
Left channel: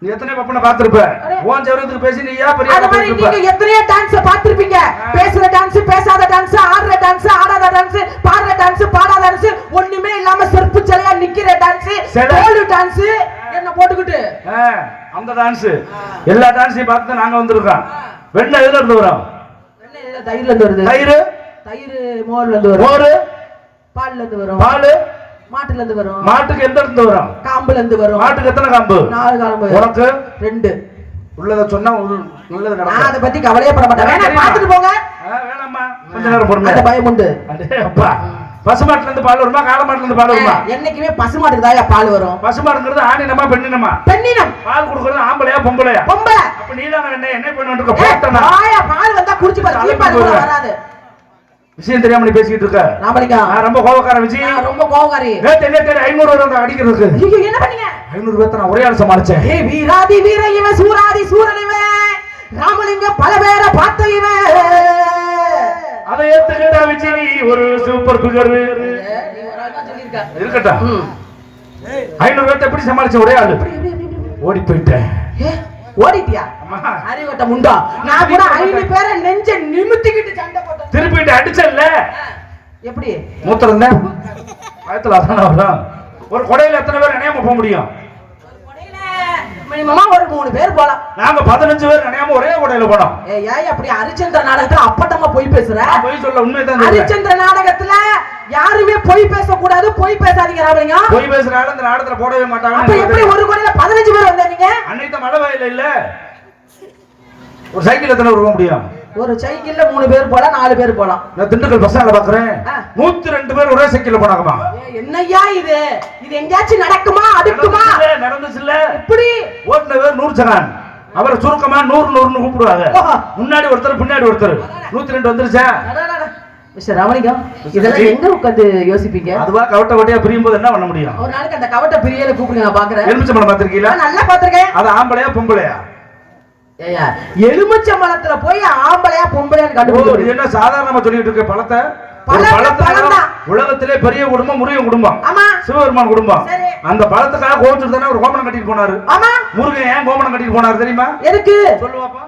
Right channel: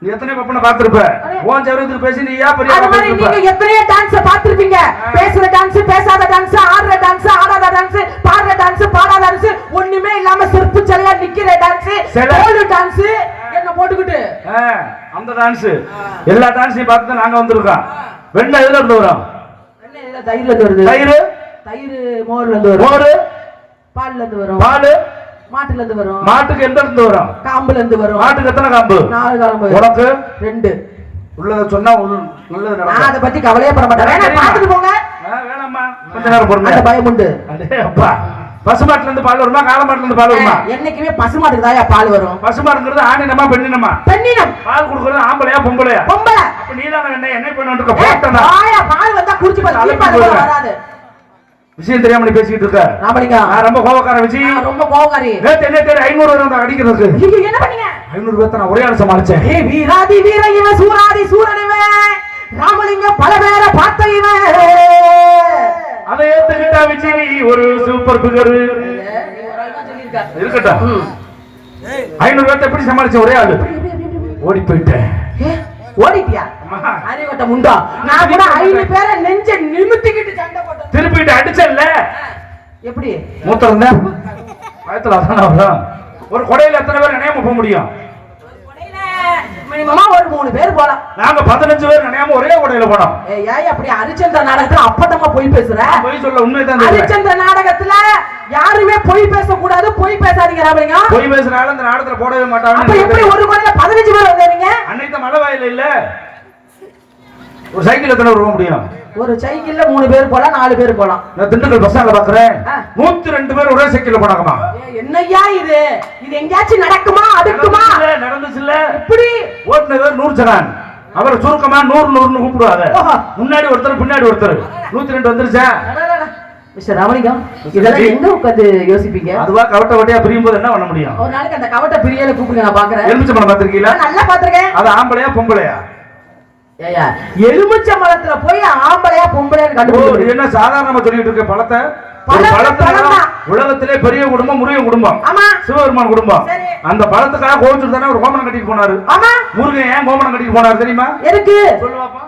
நீ எத்தனை பப்பன பாத்துருப்ப? ஓன் ஜெருதுக்கு பேசி நீ ஏன் பெரிய அந்த மாதிரி நீங்க எத்தனை டான்ஸ் பாத்துருப்பீங்க. பேசுற டான்ஸ், பேசாத டான்ஸ், ஆடுற டான்ஸ், ஆடாத டான்ஸ், பாடுற டான்ஸ், பாடாத டான்ஸ், ஒண்ணுமே இல்லாம செருப்பு செல்ல நிக்கிற டான்ஸ், கோலு டான்ஸ் என்ன போட்டுக்கிட்டு அந்த டான்ஸ் எல்லா டான்ஸையும் பார்த்து நாங்க வந்திருக்கோம். வெண்ண எதுல இருந்து வரும்? வெண்ண தயிர்ல இருந்து வருது. தயிர் மோர்ல இருந்து வரும். மோர் பால்ல இருந்து வரும். பால் மாட்டுல இருந்து வரும். மாட்டுக்கு எந்த இருந்து வரும்? காம்புல இருந்து வரும். மாட்டுக்கு எத்தனை காம்பு? 4 காம்பு. உனக்கு 2. உள்ளத சொன்னா உள்ளத நடக்கும். நான் அத பத்தி கவலையே பட மாட்டேன். வேணா பாத்துட்டு போங்க. வேணாம்மா கொஞ்ச நேரம் பொறுங்க. அந்த பயம் உண்டு. அடே அப்பா பசுமாட்டுல இருந்து பால் வருமா? காளமாட்டுல இருந்து பால் வருமா? என்னைக்குமே பசுமாட்டுக்கு தான் பால் வரும். பசுமாடுங்கிறது ஆணினமா பெண்ணினமா? பெண்ணினம். பால் குடுக்குறது ஆம்பளையா பொம்பளையா? பொம்பளை. அப்ப நீ தான் என்ன பண்ணிட்டு இருக்க? போட்டனா ஆயா பால் வந்தா குடிச்சு பாரு வராது. விஷயம் தெரியாம நீ பேசிட்டு இருக்க. நான் ரொம்ப கோபக்கார விஜய். ரொம்ப கோபக்காரி. நேத்து என்ன தெரியும் 500 ரூபாய் அடிக்கிறதுக்கு. நீங்க என்ன பண்ணீங்க? 500 ரூபாய் நான் ஒரே ஆள சமாளிச்சேன். ஏய் வீராதி வீர இவன் சூராதி சூரனவே ராமலிங்க பல பேரை பார்த்த இவன். அதை ஏத்துக்கிட்டா விஜய் ஒரு சூப்பர் பிகர். இருக்கட்டும். 500 ரூபாய் எப்படி சமாளிச்ச ஒரே ஆளு? ஓடி போயிட்டேன். ஓடிட்டியா? அறிவட்ட முண்டா. நான் கூட 5 பேரை நெஞ்ச நிமித்திக்கிட்டு சண்டை போட்டேன். திருப்பிட்டு அடிச்சல்ல. எப்படி? மூத்தறந்த பயத்துல அதான வரும். ஒரு கொடையில எத்தனை பேர் நினையாம போக முடியும்? ஒரு கொடையில மினிமமா ஒரு 3 பேர் போலாம். நாங்க 15 பேர் நினையாம ஒரே கொடையில போனோம். ஏய் அப்படி ஹரிச்சந்திர நாடகத்துல அப்பட்டமா போய் பேசுற? போய் சொல்ல உண்மைதான். ஹரிச்சந்திர நாடகத்துல யாருமே போய் பேச கூடாது. போய் பேசாதீங்க ராமலிங்க. போய் பேசுறாங்க அந்த நாடகத்துல போடவே மாட்டாங்க. அப்ப எப்படி ஒரு கொடையில 15 பேர் வந்தீங்க? அன்னைக்கு மழை வயல்ல இல்ல. ஒரு சைக்கிள் எத்தனை போக முடியும்? ஒரு சைக்கிள்ல 3 பேர் போலாம், 4 பேர் போலாம். நான் திண்டுக்கல் பஸ் ஸ்டாண்ட்ல பாக்குறேன் 102 பேர் ஒரே சைக்கிள்ல போனாங்கமா. என்னய்யா இது? இது எங்கயாச்சும் நடக்குமா? அடுக்குமா? நடந்துச்சு இல்ல. இப்படி ஓட்டுன பேர் 100 ஜனான். அவரை சுருக்கமா 100 100ன்னு கூப்பிடுவாங்க. முன்னாடி ஒருத்தர் பின்னாடி ஒருத்தர். 102 வந்துருச்சா? மிஸ்டர் ராமலிங்கம் இதெல்லாம் எங்க உட்கார்ந்து யோசிப்பீங்க? அதுவா கவட்ட வட்டியா பிரியும் போது என்ன பண்ண முடியும்? ஒரு நாளைக்கு அந்த கவட்ட பிரியல கூப்பிடுங்க நான் பாக்குறேன். எலுமிச்சம்பழம் பாத்திருக்கீங்களா? நல்லா பாத்துர்க்கேன். அது ஆம்பளையா பொம்பளையா? ஏயா எலுமிச்சம்பழத்துல போய் ஆம்பளையா பொம்பளையான்னு கண்டுபிடிச்சு என்ன சாதாரணமா சொல்லிட்டு இருக்க? பழத்தை உலகத்திலே பெரிய குடும்பம் முருகன் குடும்பம். சிவபெருமான் குடும்பம். அந்த பழத்துக்காக கோவிச்சுட்டு ஒரு கோமனம் கட்டிட்டு போனாரு. முருகன் ஏன் கோமனம் கட்டிட்டு போனாரு தெரியுமா? எதுக்கு சொல்லுவாப்பா?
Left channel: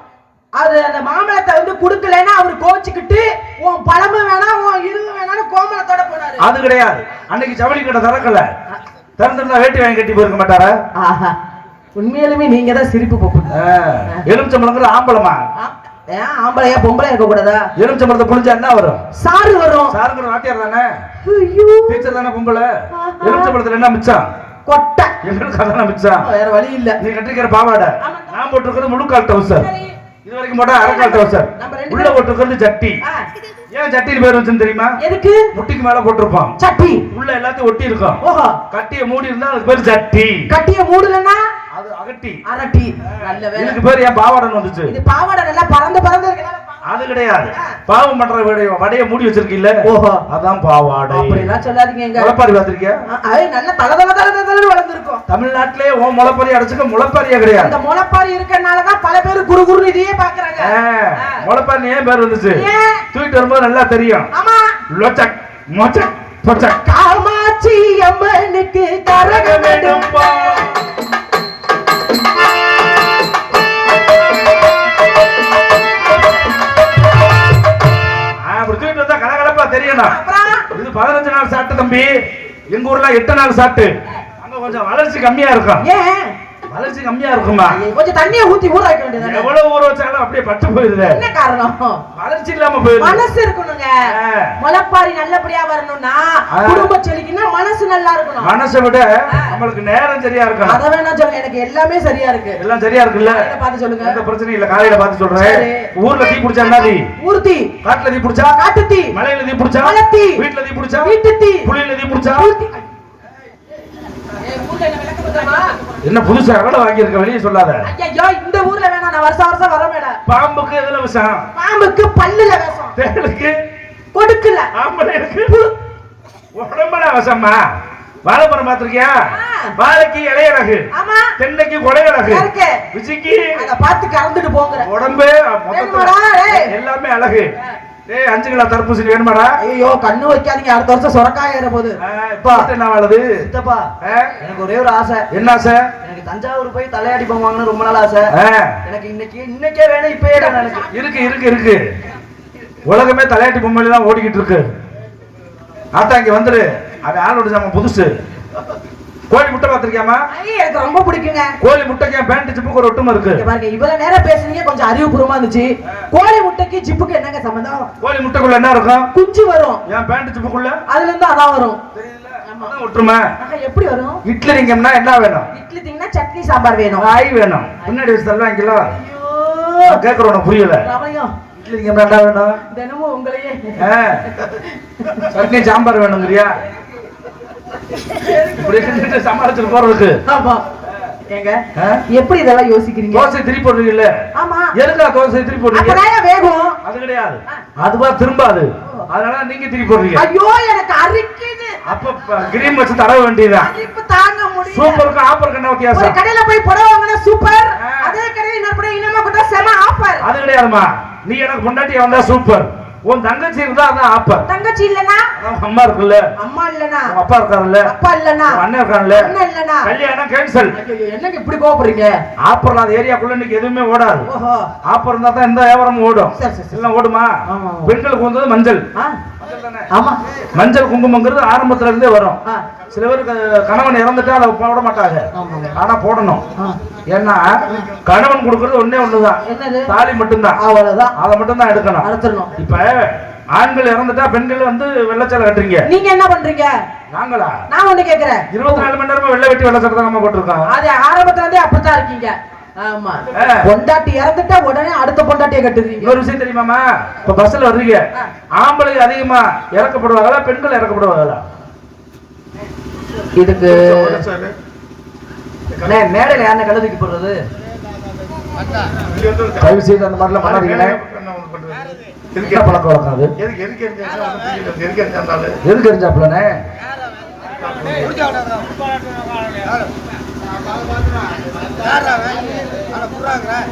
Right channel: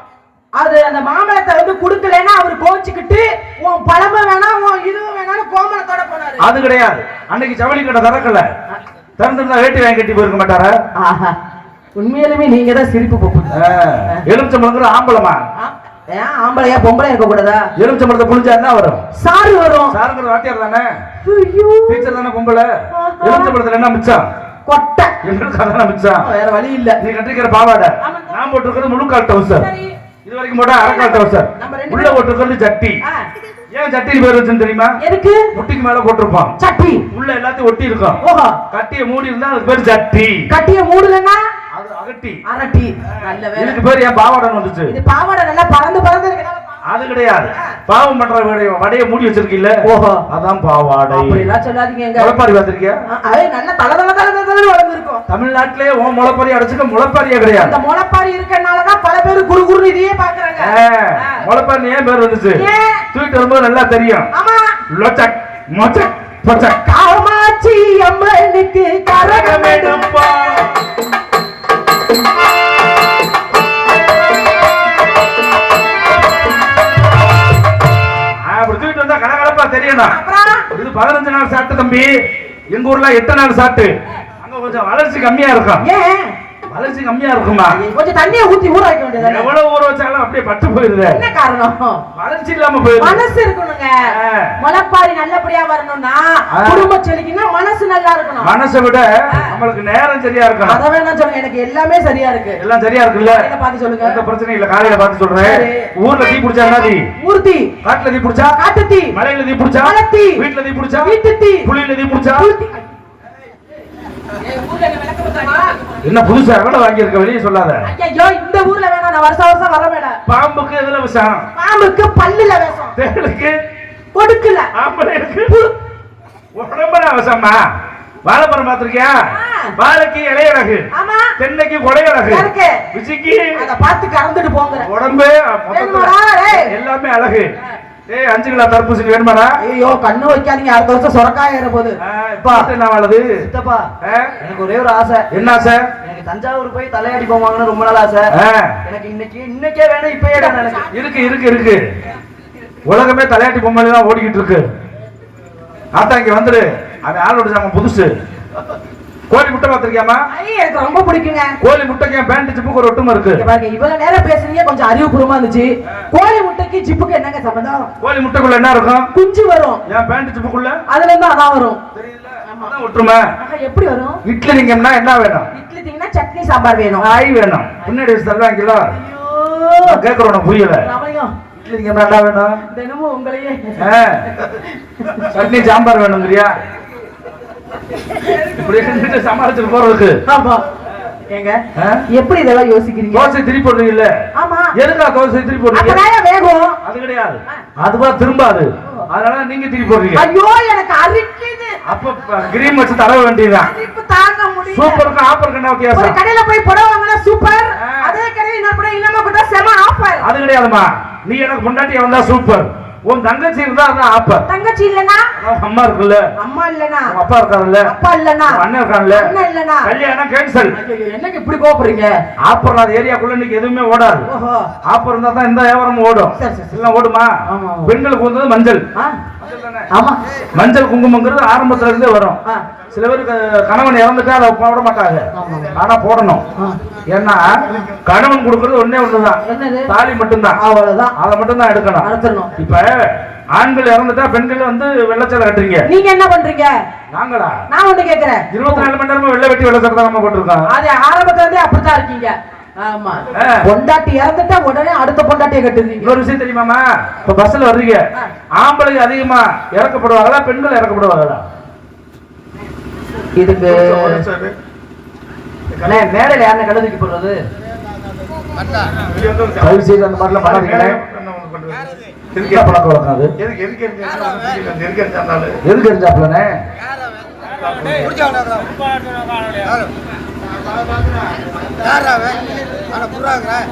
அது அந்த மாம்பழத்தை வந்து குடுக்கலன்னா அவர் கோவிச்சுக்கிட்டு உன் பழமும் வேணாம் உன் இதுவும் வேணாம்னு கோமனத்தோட போனாரு. அது கிடையாது. அன்னைக்கு ஜவுளி கடை திறக்கல. திறந்திருந்தா வேட்டி வாங்கி கட்டி போயிருக்க மாட்டாரா? உண்மையிலுமே நீங்க தான் சிரிப்பு போப்புங்க. எலுமிச்சம்பழங்கிறது ஆம்பளமா? ஏன் ஆம்பளையா பொம்பளையா இருக்க கூடாதா? எலுமிச்சம்பழத்தை புளிஞ்சா என்ன வரும்? சாறு வரும். சாருங்கிறது வாத்தியார் தானே? ஐயோ டீச்சர் தானே பொம்பளை. எலுமிச்சம்பழத்துல என்ன மிச்சம்? கொட்டை. எங்களுக்கு அதான் மிச்சம். வேற வழி இல்ல. நீ கட்டிக்கிற பாவாடை நான் போட்டுருக்கிறது முழுக்கால் டவுசர். இது வரைக்கும் போட்டா அரைக்கால் டவுசர். உள்ள போட்டுருக்கிறது ஜட்டி. ஏன் ஜட்டின்னு பேர் வச்சுன்னு தெரியுமா? எதுக்கு? முட்டிக்கு மேல போட்டிருப்போம் சட்டி. உள்ள எல்லாத்தையும் ஒட்டி இருக்கும். கட்டிய மூடி இருந்தா அதுக்கு பேர் ஜட்டி. கட்டிய மூடலன்னா அது அகட்டி. அரட்டி. நல்ல வேலை. இதுக்கு பேர் ஏன் பாவாடை வந்துச்சு? இது பாவாடை நல்லா பறந்து பறந்து இருக்கு. அது கிடையாது. பாவம் பண்ற வடைய மூடி வச்சிருக்கீல்ல, ஓஹோ அதான் பாவாடை. அப்படி எல்லாம் சொல்லாதீங்க. முளைப்பாரி பார்த்திருக்கியா? நல்ல தல வளர்ந்துருக்கும். தமிழ்நாட்டிலே உன் முளைப்பாரி அடைச்சுக்க முளைப்பாரியா கிடையாது. அந்த முளைப்பாரி இருக்கனாலதான் பல பேர் குரு குரு இதையே பாக்குறாங்க. முளைப்பாரி ஏன் பேர் வந்துச்சு? தூக்கிட்டு வரும்போது நல்லா தெரியும். ஆமா லொச்சக் மொச்சக் பொச்சக். காமாட்சி அம்மனுக்கு கரகம் எடுப்பா. தெரியணும். இது 15 நாள் சாப்பிட்டு தம்பி, எங்க ஊர்ல 8 நாள் சாப்பிட்டு. அங்க கொஞ்சம் வளர்ச்சி கம்மியா இருக்கும். ஏன் வளர்ச்சி கம்மியா இருக்குமா? கொஞ்சம் தண்ணியை ஊத்தி ஊற வைக்க வேண்டியது. எவ்வளவு ஊற வச்சாலும் அப்படியே பட்டு போயிருது. என்ன காரணம்? வளர்ச்சி இல்லாம போயிருது. மனசு இருக்கணுங்க. முளைப்பாரி நல்லபடியா வரணும்னா குடும்ப செழிக்குன்னா மனசு நல்லா இருக்கணும். மனசை விட நம்மளுக்கு நேரம் சரியா இருக்கணும். அத வேணா சொல்லுங்க, எனக்கு எல்லாமே சரியா இருக்கு. எல்லாம் சரியா இருக்குல்ல? பார்த்து சொல்லுங்க. எந்த பிரச்சனையும் இல்ல. காலையில பார்த்து சொல்றேன். ஊர்ல தீ பிடிச்சா என்ன தீ? ஊர் தீ. காட்டுல தீ பிடிச்சா காட்டு தீ. மலையில தீ பிடிச்சா மலை தீ. வீட்டுல தீ பிடிச்சா வீட்டு தீ. புளியில தீ பிடிச்சா என்ன புதுசா எவ்வளவு வாங்கி இருக்க? வெளியே சொல்லாத. ஐயோ இந்த ஊர்ல வேணும், நான் வருஷம் வருஷம் வர மேடம். பாம்புக்கு எதுல விஷம்? பாம்புக்கு பல்லுல விஷம். தேளுக்கு கொடுக்கல. ஆம்பளைக்கு உடம்புல விஷமா? வாழைப்பழம் பாத்திருக்கியா? வாழைக்கு இலையழகு, தென்னைக்கு கொடையழகு, விசிக்கு அத பார்த்து கறந்துட்டு போங்க. உடம்பே எல்லாமே அழகு. 5 கிலோ தர்பூசணி வேணுமாடா? ஐயோ கண்ணு வைக்காதீங்க, அடுத்த வருஷம் சொரக்காய் ஏற போகுது. என்ன வாழுது? சித்தப்பா எனக்கு ஒரே ஒரு ஆசை. என்ன ஆசை? எனக்கு தஞ்சாவூர் போய் தலையாடி போவாங்கன்னு ரொம்ப நாள் ஆசை. எனக்கு இன்னைக்கே வேணும், இப்பயே வேணும். எனக்கு இருக்கு இருக்கு இருக்கு. உலகமே தலையாட்டி பொம்மையில தான் ஓடிக்கிட்டு இருக்கு. நாத்தா இங்க வந்துரு. அவன் ஆளோட சாம புதுசு. கோழி முட்டை பாத்திருக்கியாமா? எனக்கு ரொம்ப பிடிக்குங்க. கோழி முட்டைக்கு பேண்ட் ஜிப்புக்கு ஒரு ஒட்டுமை இருக்கு. பாருங்க இவ்வளவு நேரம் பேசுறீங்க, கொஞ்சம் அறிவுபூர்வமா இருந்துச்சு. கோழி முட்டைக்கு ஜிப்புக்கு என்னங்க சம்பந்தம்? கோழி முட்டைக்குள்ள என்ன இருக்கும்? குஞ்சு வரும். என் பேண்ட் ஜிப்புக்குள்ள அதுல இருந்து அதான் வரும். அதான் ஒற்றுமை. எப்படி வரும்? இட்லி நீங்கன்னா என்ன வேணும்? இட்லி தீங்கன்னா சட்னி சாம்பார் வேணும். காய் வேணும். பின்னாடி தருவாங்களா? கேக்குறோம் உனக்கு புரியல. இட்லி நீங்கன்னா என்ன வேணும்? தினமும் உங்களையே சட்னி சாம்பார் வேணுங்கிறியா? சமாளிச்சுட்டு போறதுக்கு ஏங்க எப்படி இதெல்லாம் யோசிக்கிறீங்க? தோசை திருப்பி போடுறீங்கல்ல? ஆமா. எதுக்கா தோசை திருப்பி போடுறீங்க? வேகும். அது கிடையாது, அதுவா திரும்பாது. அதனால நீங்க திருப்பி போடுறீங்க. ஐயோ எனக்கு அரிக்குது. அப்ப கிரீம் வச்சு தடவ வேண்டியதுதான். அரிப்பு தாங்க முடியல. சூப்பருக்கு ஆஃபருக்கு என்ன வித்தியாசம்? ஒரு கடையில போய் புடவை வாங்கினா சூப்பர், அதே கடையில இன்னொரு புடவை இன்னமா கூட செம ஆஃபர். அது கிடையாதுமா. நீ எனக்கு முன்னாடி வந்தா சூப்பர், உன் தங்கச்சி இருந்தா அதான் ஆஃபர். தங்கச்சி இல்லனா அம்மா இருக்குல்ல, அம்மா இல்லனா அப்பா இருக்காருல்ல, அப்பா இல்லனா அண்ணன் இருக்கான்ல, அண்ணன் இல்லனா கல்யாணம் கேன்சல். என்னங்க இப்படி கோபப்படுறீங்க? ஆஃபர் இல்லாத ஏரியாக்குள்ள இன்னைக்கு எதுவுமே ஓடாது. ஓஹோ. ஆஃபர் இருந்தா தான் இந்த வியாபாரம் ஓடும். எல்லாம் ஓடுமா? பெண்களுக்கு வந்தது மஞ்சள். ஆமா, மஞ்சள் குங்குமங்கிறது ஆரம்பத்துல இருந்தே வரும். சில பேருக்கு கணவன் இறந்துட்டா அதை போட மாட்டாங்க, ஆனா போடணும். ஏன்னா கணவன் கொடுக்கறது ஒன்னே ஒண்ணுதான், தாலி மட்டும்தான். அவ்வளவுதான், அதை மட்டும் தான் எடுக்கணும். இப்ப ஆண்கள் இறந்துட்டா பெண்கள் வந்து வெள்ளச்சலை கட்டுறீங்க. நீங்க என்ன பண்றீங்க? நாங்களா? நான் வந்து கேக்குறேன். 24 மணி நேரமா வெள்ளை வெட்டி வெள்ளச்சலை தான் போட்டிருக்கோம். அது ஆரம்பத்துல இருந்தே அப்படித்தான் இருக்கீங்க. ஆமா, பொண்டாட்டி இறந்துட்டா உடனே அடுத்த பொண்டாட்டியை கட்டுறீங்க. இன்னொரு விஷயம் தெரியுமாமா? இப்ப பஸ்ல வர்றீங்க, ஆம்பளை அதிகமா இறக்கப்படுவாங்களா பெண்கள் இறக்கப்படுவாங்களா? இதுக்கு மேடையில யாருன்னு கடை தூக்கி போடுறது? தயவு செய்து அந்த மாதிரிலாம் பண்ணாதீங்க. பழக்கம் வழக்காது. எதுக்கு எரிஞ்சாப்லனே?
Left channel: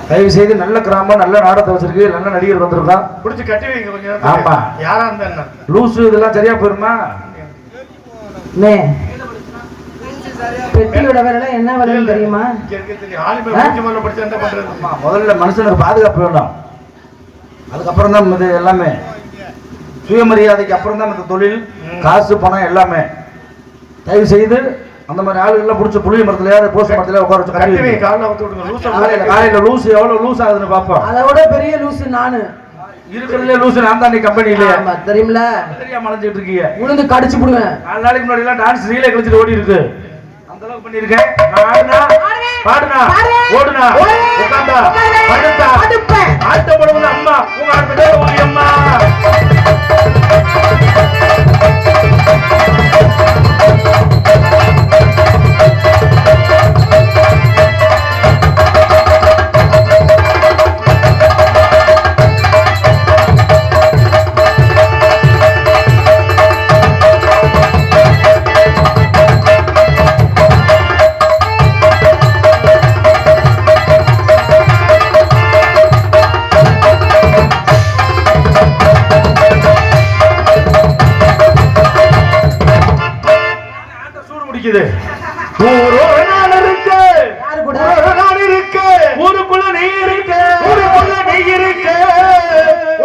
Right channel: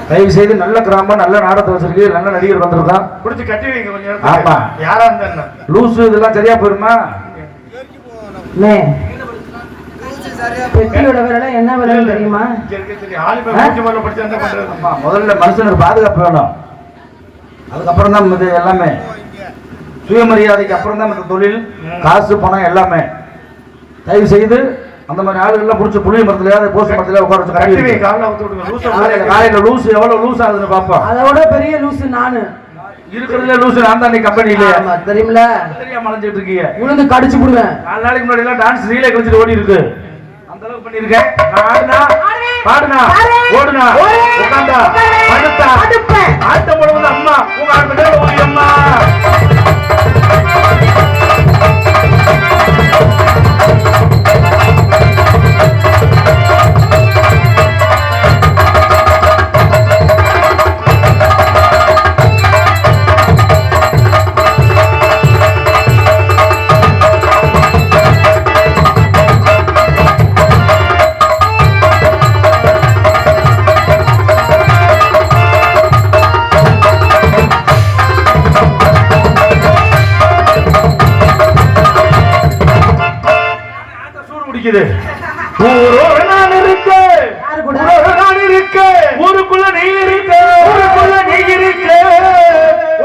தயவு செய்து நல்ல கிராமம், நல்ல நாடகத்தை வச்சிருக்கு, நல்ல நடிகர் வந்திருக்கா, புடிச்சு கட்டி வைங்க கொஞ்சம். ஆமா, யாரா இருந்தா லூசு இதெல்லாம் சரியா போயிருமா? பெட்டியோட விலை என்ன விலைன்னு தெரியுமா? முதல்ல மனுஷனுக்கு பாதுகாப்பு வேணும், அதுக்கப்புறம் தான் இது எல்லாமே. சுயமரியாதைக்கு அப்புறம் தான் இந்த தொழில், காசு, பணம் எல்லாமே. தயவு செய்து அந்த மாதிரி ஆளுகள்லாம் பிடிச்ச புளிய மரத்துலயாவது போச மரத்துல உட்கார வச்சு காலையில லூசு எவ்வளவு லூஸ் ஆகுதுன்னு பாப்போம். அதோட பெரிய லூசு நானு இருக்கிறதுல லூசு நான் தான். நீ கம்பெனில தெரியுமில, தெரியாம அலைஞ்சிட்டு இருக்கீங்க. உளுந்து கடிச்சு போடுவேன். 4 நாளைக்கு முன்னாடி எல்லாம் டான்ஸ் ரீலே கழிச்சிட்டு ஓடி இருக்கு. அந்த அளவுக்கு பண்ணிருக்கேன். ஆடுனா பாடுனா ஓடுனா உட்கார்ந்தா படுத்தா ஆட்டம் போடுவது அம்மா உங்க ஆடுறது அம்மா. இருக்குது. ஊரோடு நான் இருக்க, யாரு கூட? ஊரோடு நான் இருக்க, ஊருக்குள்ள நீ இருக்க, ஊருக்குள்ள நீ இருக்க,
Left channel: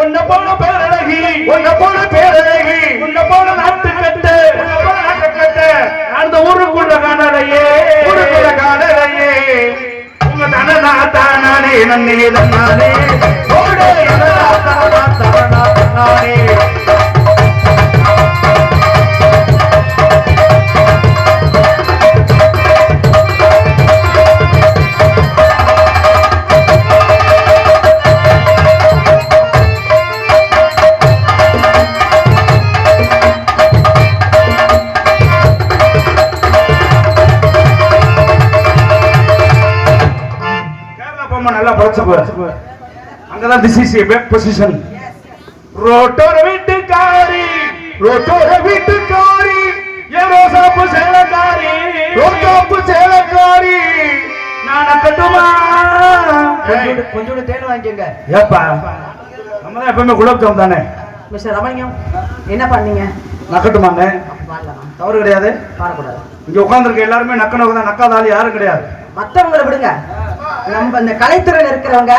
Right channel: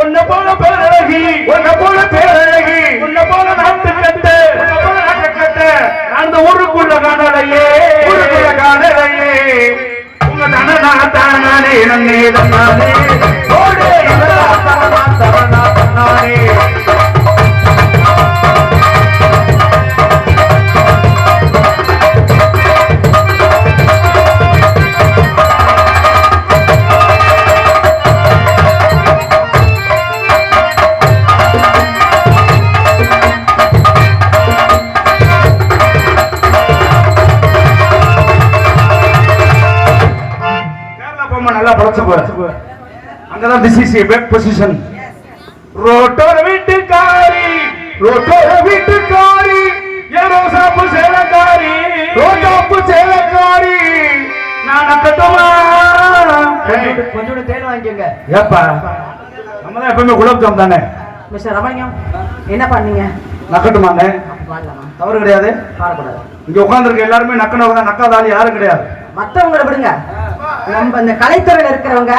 உன்னை போல பேரழகி, உன்னை போல பேரழகி, உன்னை போல நாட்டு கட்டு, உன்னை போல நாட்டுக்கட்ட, அந்த ஊருக்குள்ள காணலையே, ஊருக்குள்ள காணலையே. உங்க தனனா தானே நன்னே தன்னானே, ஓடே இதழா தரனா தரனா தன்னானே. கேரளா பொம்மை நல்லா பழச்சுக்குவ. அங்கதான் this is a bad position. ரோட்டோர வீட்டுக்காரி, ரோட்டோர வீட்டுக்காரி, ஏ ரோசாப்பு சேலக்காரி, ரோட்டாப்பு சேலக்காரி. நான் கட்டுமா? கொஞ்சோண்டு தேன் வாங்கிக்கோங்க. ஏப்பா நம்ம தான் எப்பவுமே குலாப் ஜாம் தானே, மிஸ்டர் ரமணியம் என்ன பண்ணீங்க? நக்கட்டுமாங்க. வாழலாமா? தவறு கிடையாது. பாடக்கூடாது. இங்க உட்கார்ந்துருக்க எல்லாருமே நக்கனவங்க தான், நக்காத ஆள் யாரும் கிடையாது. மத்தவங்களை விடுங்க. நம்ம இந்த கலைத்துறையில இருக்கிறவங்க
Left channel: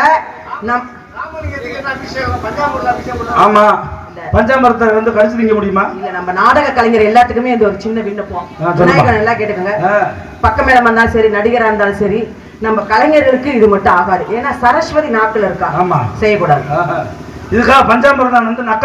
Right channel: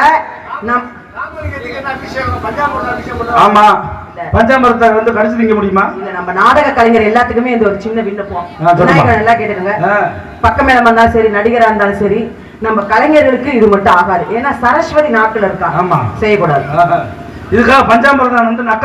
நம் ராமலிங்கத்துக்கு என்ன அபிஷேகம், பஞ்சாமிர்தம் அபிஷேகம் பண்ணுவாங்க. ஆமா, பஞ்சாமிரத்தை வந்து கடிச்சு திங்க முடியுமா? இல்ல நம்ம நாடக கலைஞர் எல்லாத்துக்குமே இந்த ஒரு சின்ன விண்ணப்பம். சொல்லுமா. விநாயகர் நல்லா கேட்டுக்கோங்க. பக்கமேளமா இருந்தாலும் சரி, நடிகரா இருந்தாலும் சரி, நம்ம கலைஞர்களுக்கு இது மட்டும் ஆகாது. ஏன்னா சரஸ்வதி நாட்கள் இருக்கா, ஆமா. செய்யக்கூடாது. இதுக்காக பஞ்சாமிரதம் வந்து நக்க